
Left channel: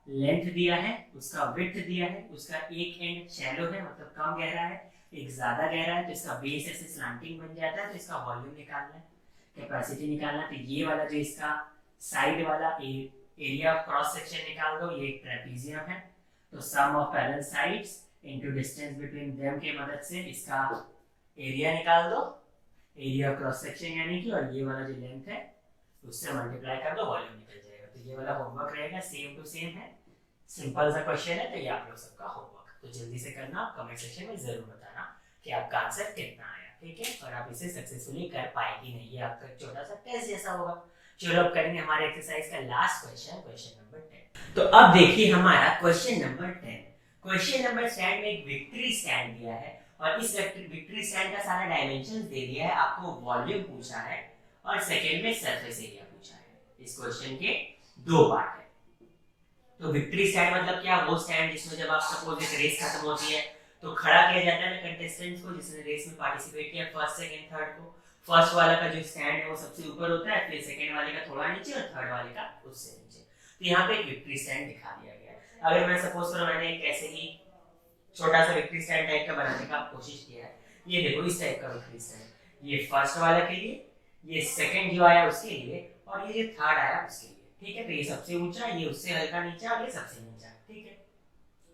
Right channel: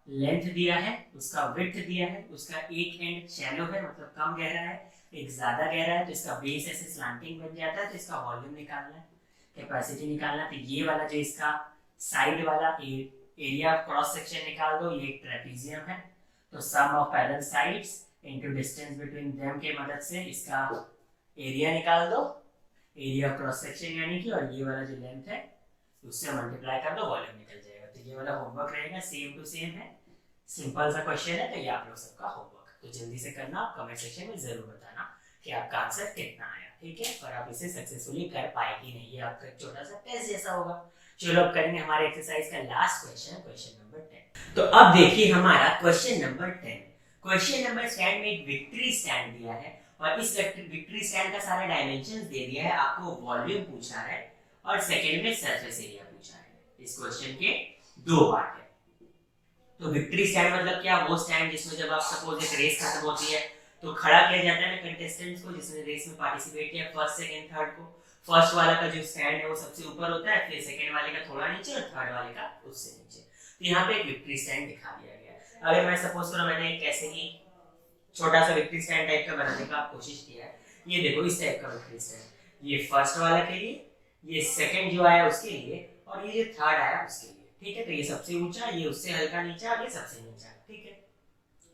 लेंथ दिया है, उसका विड्थ दिया है, उसका एक एंड शैलो है मतलब कम गहरा है, एक ज्यादा गहरा है, तो इसका बेस ऐसे स्लांटिंग बन जाता है। तो इसका वॉल्यूम निकालना है, कैपेसिटी निकालना है। तो ये वाला जो इसका साइड वाला एरिया क्रॉस सेक्शन निकाल दो, ये ट्रेपेजियम है, तो sum of parallel sides into distance between them के मदद से इसका एरिया निकाल दो, एरिया क्रॉस सेक्शन यानी कि, और ये वाला जो लेंथ है उससे मल्टीप्लाई कर दो, वॉल्यूम निकल जाएगा। तो ये वाला होमवर्क रहेगा, सेम टू सेम है, सिंपल सा क्वेश्चन है। तो ये आप लोग सबका होमवर्क, तो जल्दी से करना, कमेंट सेक्शन में जरूर बताना कि आपका आंसर कितना आया, ठीक है, और आप इसे सक्सेसफुली कर पाए कि नहीं। ये आपका छोटा सा टेस्ट जैसा होगा। चलो अब करेंगे हमारे एक्सरसाइज का लास्ट क्वेश्चन, क्वेश्चन नंबर 10। तो अब देखिए हमारा question number 10। Question number stand में एक विक्ट्री स्टैंड दिया है और इस विक्ट्री स्टैंड का सारा डायमेंशंस दे दिया है, आपको वॉल्यूम पूछा है और सेकंड में सरफेस एरिया पूछा है। इस क्वेश्चन के दो पार्ट है। तो विक्ट्री स्टैंड मतलब क्या, वो स्टैंड जिसमें जब आप सपोज एक रेस खत्म होती है तो खड़ा किया जाता है ना कंटेस्टेंट्स को जिसने रेस में पार्टिसिपेट किया, फर्स्ट सेकंड थर्ड को। फर्स्ट वाले का जो स्टैंड है वो सबसे ऊपर होता है, फिर सेकंड वाले का थोड़ा नीचे और थर्ड वाले का उससे नीचे। तो यहाँ पे एक विक्ट्री स्टैंड दिखा दिया गया है। अगर मैं सपोज करो मैंने एक ऐसे ही छोटा सा विक्ट्री स्टैंड टाइप का बनाने का कोशिश किया है, ये देखो इस टाइप का विक्ट्री स्टैंड, ये फर्स्ट वाला के लिए, ये सेकंड जो आया उसके लिए, और ये जो थर्ड आया उसके लिए, ठीक है। तो ये सबसे ऊंचा, ये उससे हल्का नीचा और ये सबसे नीचा, ठीक है।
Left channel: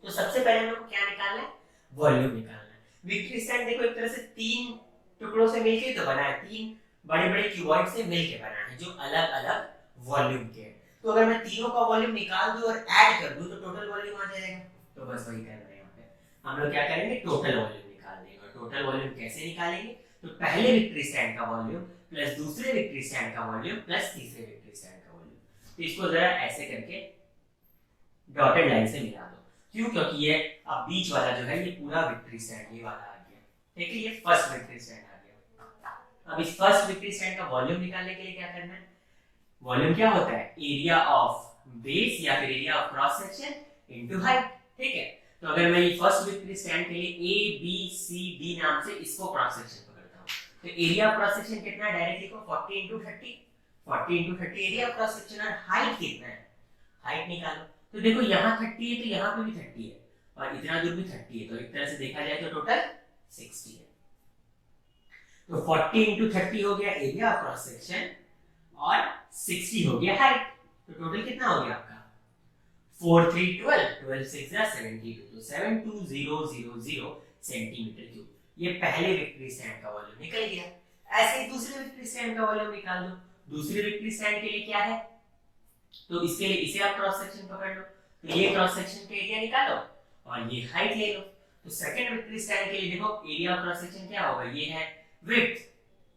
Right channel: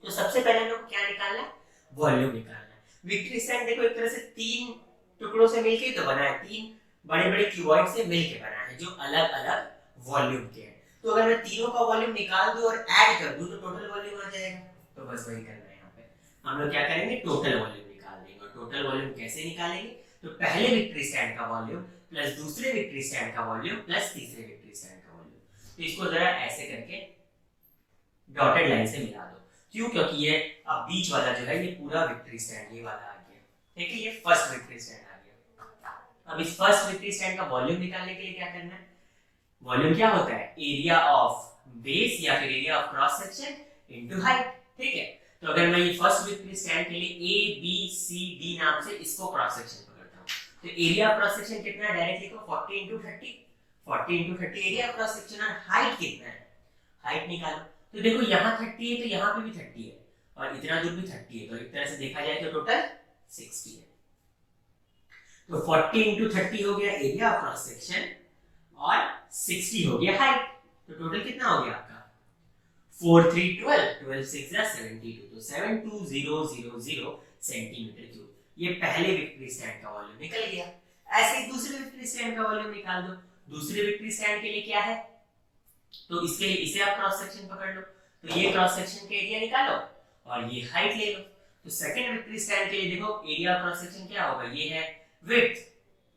तो सबसे पहले हम लोग को क्या निकालना है, वॉल्यूम निकालना है। विक्ट्री स्टैंड देखो एक तरह से तीन टुकड़ों से मिलके तो बना है, तीन बड़े बड़े क्यूबॉइड से मिलके बना है जो अलग अलग वॉल्यूम के हैं। तो अगर मैं तीनों का वॉल्यूम निकाल दूं और ऐड कर दूं तो टोटल वॉल्यूम आ जाएगा। तो बस वही करना है, यहाँ पे हम लोग क्या करेंगे, टोटल वॉल्यूम निकाल देंगे। और टोटल वॉल्यूम कैसे निकालेंगे, तो पहले विक्ट्री स्टैंड का वॉल्यूम प्लस दूसरे विक्ट्री स्टैंड का वॉल्यूम प्लस तीसरे विक्ट्री स्टैंड का वॉल्यूम। तो इसको जरा ऐसे करके डॉटेड लाइन से मिला दो। क्यों, क्योंकि ये अब बीच वाला जो है ये पूरा विक्ट्री स्टैंड ये वाला आ गया, ठीक है, ये फर्स्ट विक्ट्री स्टैंड आ गया। अब इस फर्स्ट विक्ट्री स्टैंड का वॉल्यूम निकालने के लिए क्या करना है, वॉल्यूम क्या होता है, एरिया ऑफ बेस या फिर area of cross section into height, ठीक है। तो अगर मैं ये फर्स्ट विक्ट्री स्टैंड के लिए ए बी सी डी नाम से इसको क्रॉस सेक्शन पकड़ता हूं, तो एरिया ऑफ क्रॉस सेक्शन कितना है, डायरेक्ट लिखो 40 into 30, 40 into 30 area of cross section. और हाइट कितना है, हाइट निकालो। तो देखो यहाँ 30 है तो यहाँ पे भी 30 है और इतना दूर भी 30 है, तो एक तरह से देखा जाए तो टोटल 60 है। तो 40 इंटू 30 हो गया एरिया ऑफ क्रॉस सेक्शन और 60 हो गया हाइट। तो टोटल कितना हो गया आपका 4 3 12, 12 6 72, तो 72000 सेंटीमीटर क्यूब। ये पहले विक्ट्री स्टैंड का वॉल्यूम निकल गया। ऐसे ही दूसरे विक्ट्री स्टैंड का वॉल्यूम निकाल दो। दूसरे विक्ट्री स्टैंड के लिए क्या है, तो इसके लिए इसे आप क्रॉस सेक्शन पकड़ लो, तो ये क्रॉस सेक्शन के एरिया निकालो और ये हाइट ले लो। तो सेकंड विक्ट्री स्टैंड के लिए देखो एरिया ऑफ क्रॉस सेक्शन क्या होगा, ये है विड्थ,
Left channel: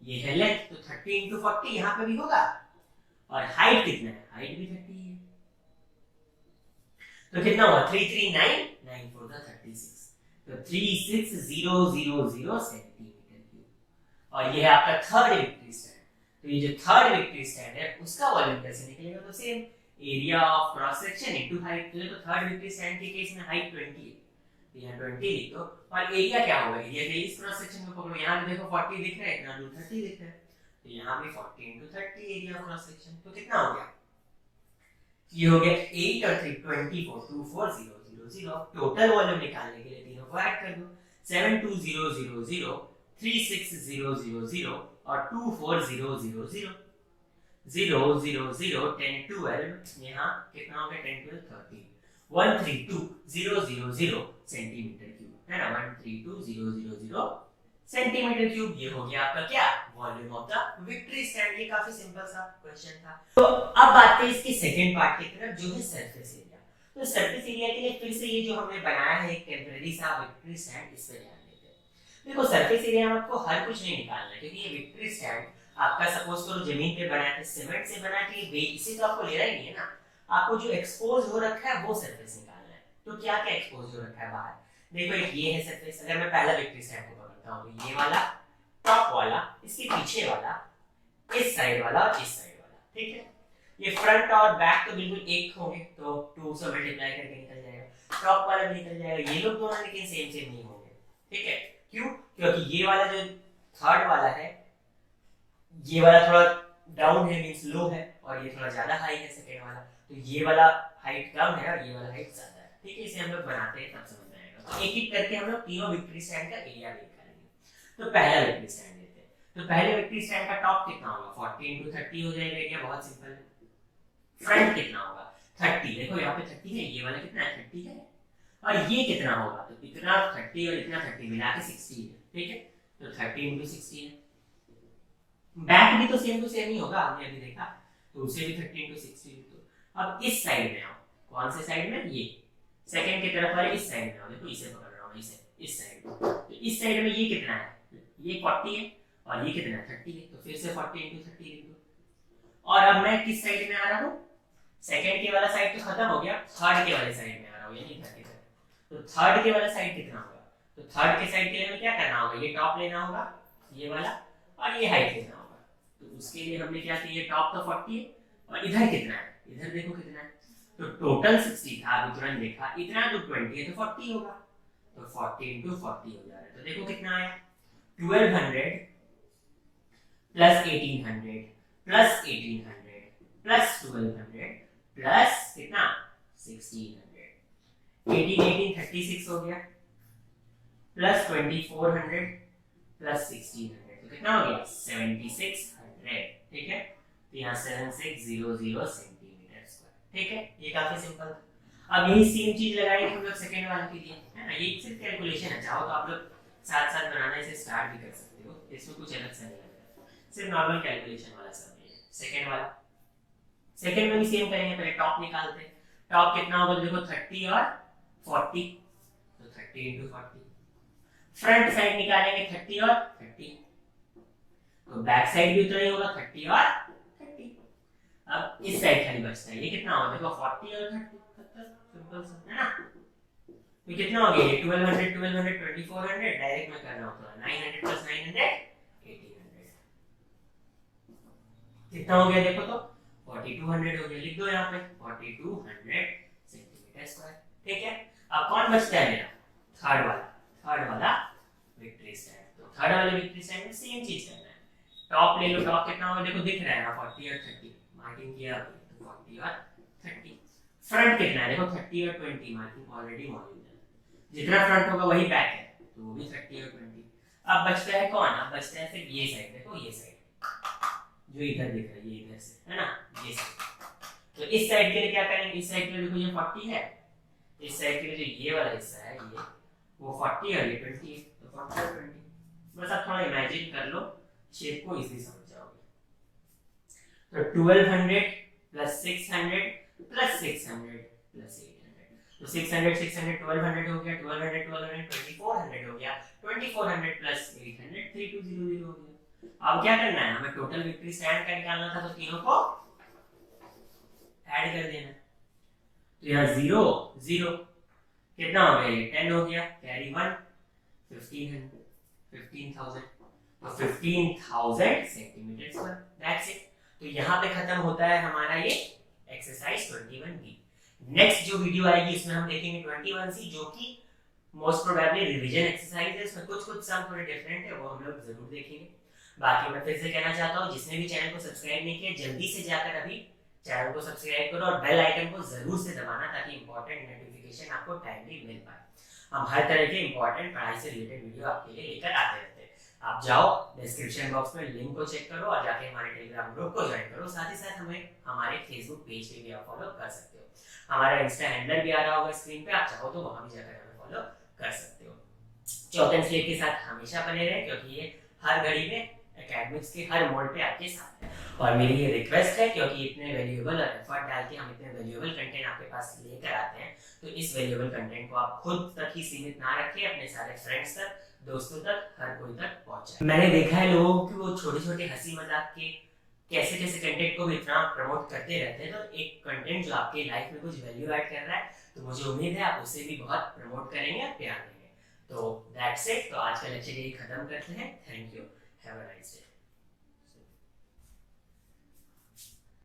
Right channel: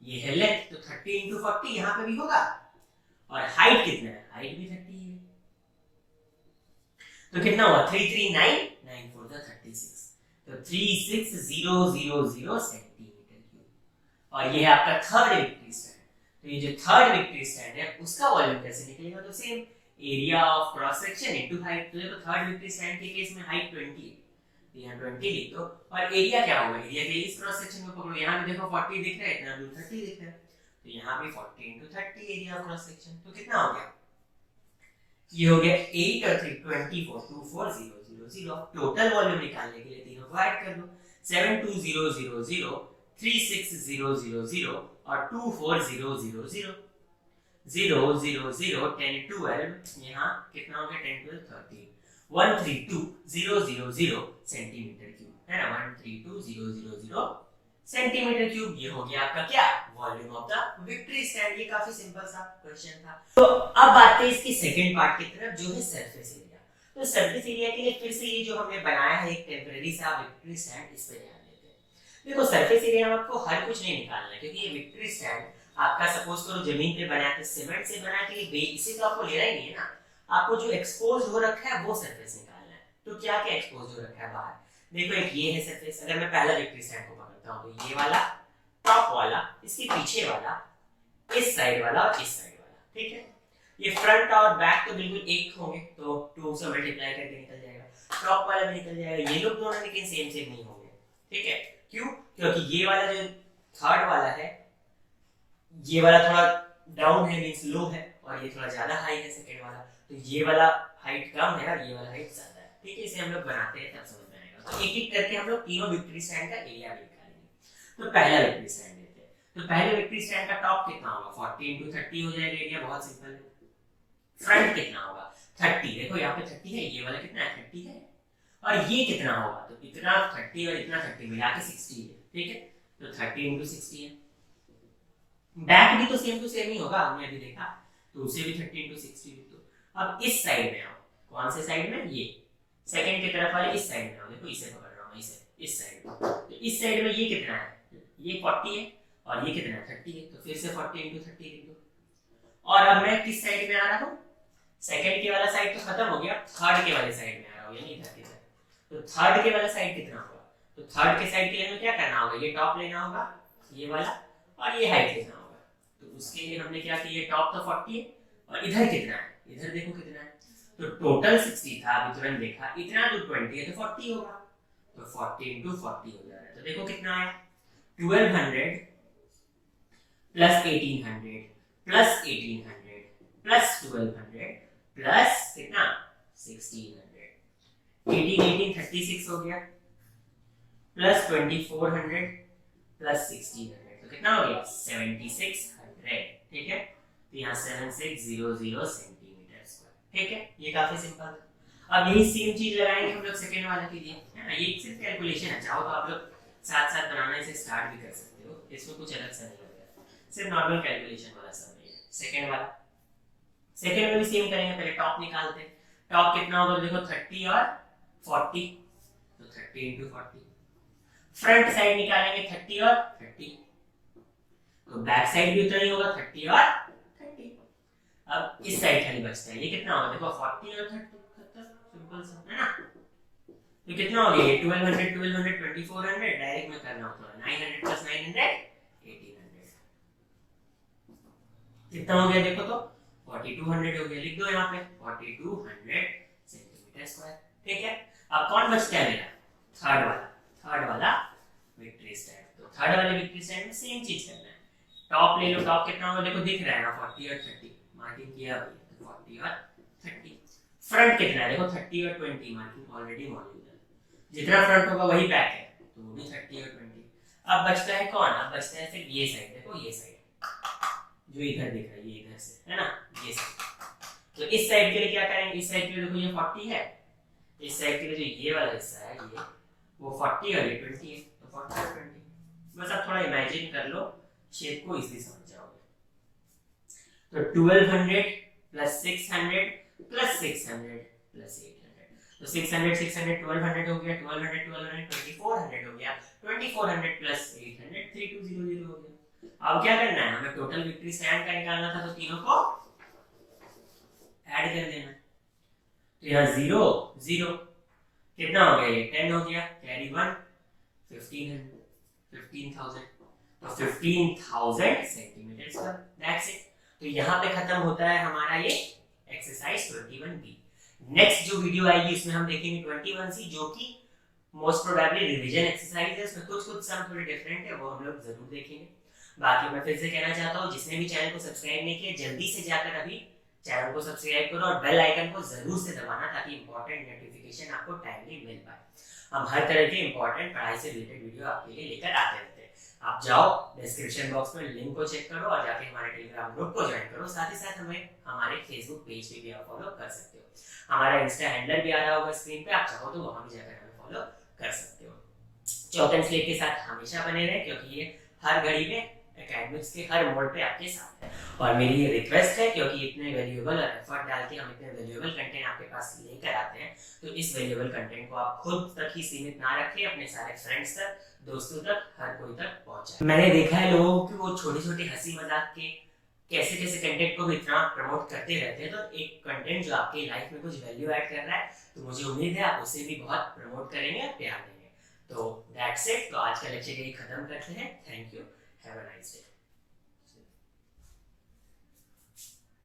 ये है लेंथ, तो 30 इंटू 40 यहाँ पे भी होगा। और हाइट कितना है, हाइट भी 30 है, तो कितना हुआ 339 9 4 36, तो 36000 सेंटीमीटर क्यूब। और ये है आपका थर्ड विक्ट्री स्टैंड। तो ये जो थर्ड विक्ट्री स्टैंड है उसका वॉल्यूम कैसे निकलेगा, तो same area of cross section into height. तो देखो थर्ड विक्ट्री स्टैंड के केस में हाइट 20 है, तो यहाँ 20 लिख दो। और एरिया क्या होगा, एरिया के इस क्रॉस सेक्शन में पकड़ो, यहाँ भी देखो 40 दिख रहा है, इतना दूर 30 दिख रहा है, तो यहाँ भी 40 into 30 area of cross section. तो कितना हो गया, ये हो गया 8 और 3 24, 24000। टोटल वॉल्यूम निकालने के लिए तीनों को ऐड कर दो, 72000 36000 और 24000 0 0 0 10 12, यहाँ कितना हो गया 10 12 13, 132000 सेंटीमीटर क्यूब, है ना, 132000 सेंटीमीटर क्यूब। ये हो गया आपका क्या, volume of the victory stand. ये काफी सिंपल सा क्वेश्चन था। तो अब बात करें इसकी सेकंड पार्ट की तरफ, जो है सरफेस एरिया। तो सरफेस एरिया के लिए फिर से ये जो हमने बनाया है एक टेम्परेरी सा विक्ट्री स्टैंड, इस पे ध्यान देते हैं। देखो सरफेस एरिया में आपको हर कुछ नहीं निकालना है, क्योंकि ये विक्ट्री स्टैंड आपका सपोज करो जमीन पे बना है, सीमेंट से बना है, तो इसे तो आपको लेना ही नहीं है ना। आपको जो एक्सपोज हो रखा है वो सरफेस निकालना है। तो क्या क्या एक्सपोज हो रखा है बाहर, देखो एक ये है सरफेस। अगर मैं पहला विक्ट्री स्टैंड को पकड़ता हूं तो ये वाला, टॉप वाला, इसके पीछे वाला, इस साइड वाला और इस साइड वाला, ठीक है। ये फ्रंट और बैक तो बिल्कुल एक होंगे, तो 2 से मल्टीप्लाई करके निकल जाएगा। टॉप वाला भी निकल जाएगा। ये लोग दोनों लेकिन सेम सेम नहीं होंगे, ठीक है। क्यों, क्योंकि ये वाला जो थर्ड वाला है, ये वाला थोड़ा डाउन है, मींस लो है, और ये थोड़ा ज्यादा हाई है सेकंड वाला। तो ये वाला हाइट कम है और ये वाला हाइट ज्यादा है, ठीक है। इसे हम लोग बनाते हैं तब समझ में आएगा। तो एक एक करके हम लोग तीनों विक्ट्री स्टैंड का एरिया निकालेंगे। तो पहला विक्ट्री स्टैंड लेते हैं। तो पहले विक्ट्री स्टैंड का टॉप कितना होगा, 40 × 30 हो जाएगा एरिया, बहुत सिंपल है। फ्रंट कितना होगा, 30। देखो यहाँ पे 30 है, ये वाला कितना है, 30 है। और ये कितना होगा, तो इतना 30 और इतना 30 मिला के 60 है, ठीक है। तो 30 × 60 है। बैक भी तो सेम टू सेम ही होगा, हमने अभी देखा, तो उसे भी 30 × 60 लिख दो। अब इस साइड में आओ, कौन से साइड में, ये सेकंड की तरफ वाले इस साइड में आओ। देखो इसे पकड़ रहा हूं, इसे इस साइड में। तो इस साइड में ये कितना है, ये 40 है, और ये कितना है, 30 है। तो फिर से 40 × 30 लिख दो। और अब मैं किस साइड में आ रहा हूँ, सेकंड के वाला साइड तो खत्म हो गया, थर्ड के वाले साइड में आ रहा हूँ, यानी इधर की तरफ। तो थर्ड के वाला साइड कितना होगा, तो थर्ड के साइड के लिए हमें क्या करना होगा, ये टॉप लेना होगा, ये वाला, और ये हाइट लेना होगा। तो उसके लिए हमने क्या किया, टॉप तो 40 है, और इधर कितना है, इधर देखो कितना है। तो टोटल 60 था, अभी तुरंत देखा, इतना तो 20 है, तो 40 होगा। तो 40 × 40 हो जा रहा है। तो देखो कितना आया, 1200 प्लस 1800 प्लस 1800 प्लस 1200 प्लस कितना, 1600। 18 18 36 हो गया, प्लस 2400 प्लस 1600, तो कितना हो गया, 7600, ठीक है। तो यहाँ 7600 सेंटीमीटर स्क्वायर, ठीक है। ये काफी सिंपल था। अब यही सेम चीज लगाएंगे हम लोग सेकंड वाले के लिए, है ना। ये सिर्फ कैलकुलेशन है, चाहो तो आप लोग साथ साथ बनाना इसे स्टार्ट भी कर सकते हो, इसमें कुछ अलग से नहीं लगेगा, सिर्फ नॉर्मल कैलकुलेशन वाला सब है। सेकंड वाला, सेकंड में भी सेम करेंगे, पहले टॉप निकालते हैं। टॉप कितना होगा, देखो 30 और 40, तो 30 × 40। फ्रंट साइड निकालेंगे 30 और 30, तो बैक साइड भी उतना ही होगा, 30 और 30। अब इस साइड खाली बचता है, ये कितना होगा, देखो 40 और 30, सिंपल सा है ना। तो कितना हो गया, ये 1200 1200 2400, डायरेक्ट में करना होता है, 900 प्लस 900 1800, कितना हो गया देखो, तो 4200 हो गया। लिख दो यहाँ पे 4200 सेंटीमीटर स्क्वायर, ठीक है। अब कौन बचता है मेरा, थर्ड वाला विक्ट्री स्टैंड। तो थर्ड वाले विक्ट्री स्टैंड में सेम चीज करना है। टॉप ले लो, टॉप कितना होगा, देखो दिख रहा है ना, 40 और 30 मार्किंग किया, तो 40 और 30। फ्रंट कितना है, देखो 30 और 20 मार्किंग ऑलरेडी मौजूद है, जितना फ्रंट होगा वही बैक है, तो वो भी 30 और 20। अब बचता है कौन, अब बचता है फिर ये साइड, देखो ये साइड जो इधर दिख रहा है, ये इधर से है ना, ये साइड। तो इस साइड के लिए क्या करेंगे, इस साइड के लिए देखो ये 40 है, इस साइड के लिए जो ये वाला हिस्सा है, ये वो 40 और ये 20 है, तो 40 और 20। बस आप थोड़ा इमेजिन कर लो, शेप को इजीली समझ जाओगे। तो 1200 प्लस 600 प्लस 600 प्लस 800, तो 600 600 1200 हो गया, 1200 1200 2400 हो गया, 2400 प्लस 800 3200 हो गया। अब क्या करना है, हमें टोटल विक्ट्री स्टैंड का निकालना था, तो तीनों को ऐड कर देना। तो यहाँ 0 0 कितना हो गया, ये 10 हो गया, कैरी 1 15,000, तो 15,000 सेंटीमीटर स्क्वायर, दैट्स इट। तो यहाँ पे खत्म होता है हमारा ये एक्सरसाइज 21B। नेक्स्ट जो वीडियो आएगी इसमें हम देखेंगे 21C, जो कि मोस्ट प्रोबेबली रिवीजन एक्सरसाइज है, इसमें कुछ सम थोड़े डिफरेंट है, वो हम लोग जरूर देखेंगे। बाकी मैं फिर से कहना चाहता हूँ, जिसने भी चैनल को सब्सक्राइब नहीं किया, जल्दी से जाकर अभी चैनल को सब्सक्राइब करो और बेल आइकन को जरूर से दबाना, ताकि इंपॉर्टेंट नोटिफिकेशन आपको टाइमली मिल पाए। हम हर तरह के इंपॉर्टेंट पढ़ाई से रिलेटेड वीडियो आपके लिए लेकर आते रहते हैं। आप जाओ डिस्क्रिप्शन बॉक्स में लिंक को चेक करो और जाके हमारे टेलीग्राम ग्रुप को ज्वाइन करो। साथ ही साथ हमें हमारे फेसबुक पेज पे भी आप फॉलो कर सकते हो। हमारा इंस्टा हैंडलर भी आ रहा होगा स्क्रीन पे, आप चाहो तो वहां भी जाकर हमें फॉलो कर सकते हो। चौक एंड स्लेट के साथ हमेशा बने रहे, क्योंकि ये हर घड़ी में एकेडमिक्स के हर मोड पे आपके साथ है। और मेरी ये रिक्वेस्ट है, क्योंकि इतने वैल्यूएबल और एफर्ट डाल के हम इतने वैल्यूएबल कंटेंट आपके पास लेकर आते हैं, तो इस वैल्यूएबल कंटेंट को आप खुद तक ही सीमित ना रखें, अपने सारे फ्रेंड्स तक, दोस्तों तक, हर कोई तक पहुंचाएं। मैंने देखा है लोगों की वो छोटे छोटे हंसी मजाक के कैसे कैसे कंटेंट को भी इतना प्रमोट करते रहते हैं, तो एक कंटेंट जो आपकी लाइफ में कुछ वैल्यू ऐड कर रहा है, तो मुझे उम्मीद है आप उसे भी बहुत प्रमोट करेंगे और प्यार देंगे। तो दैट्स इट। तो आज का लेक्चर यही खत्म करते हैं। Thank you. Have a nice day.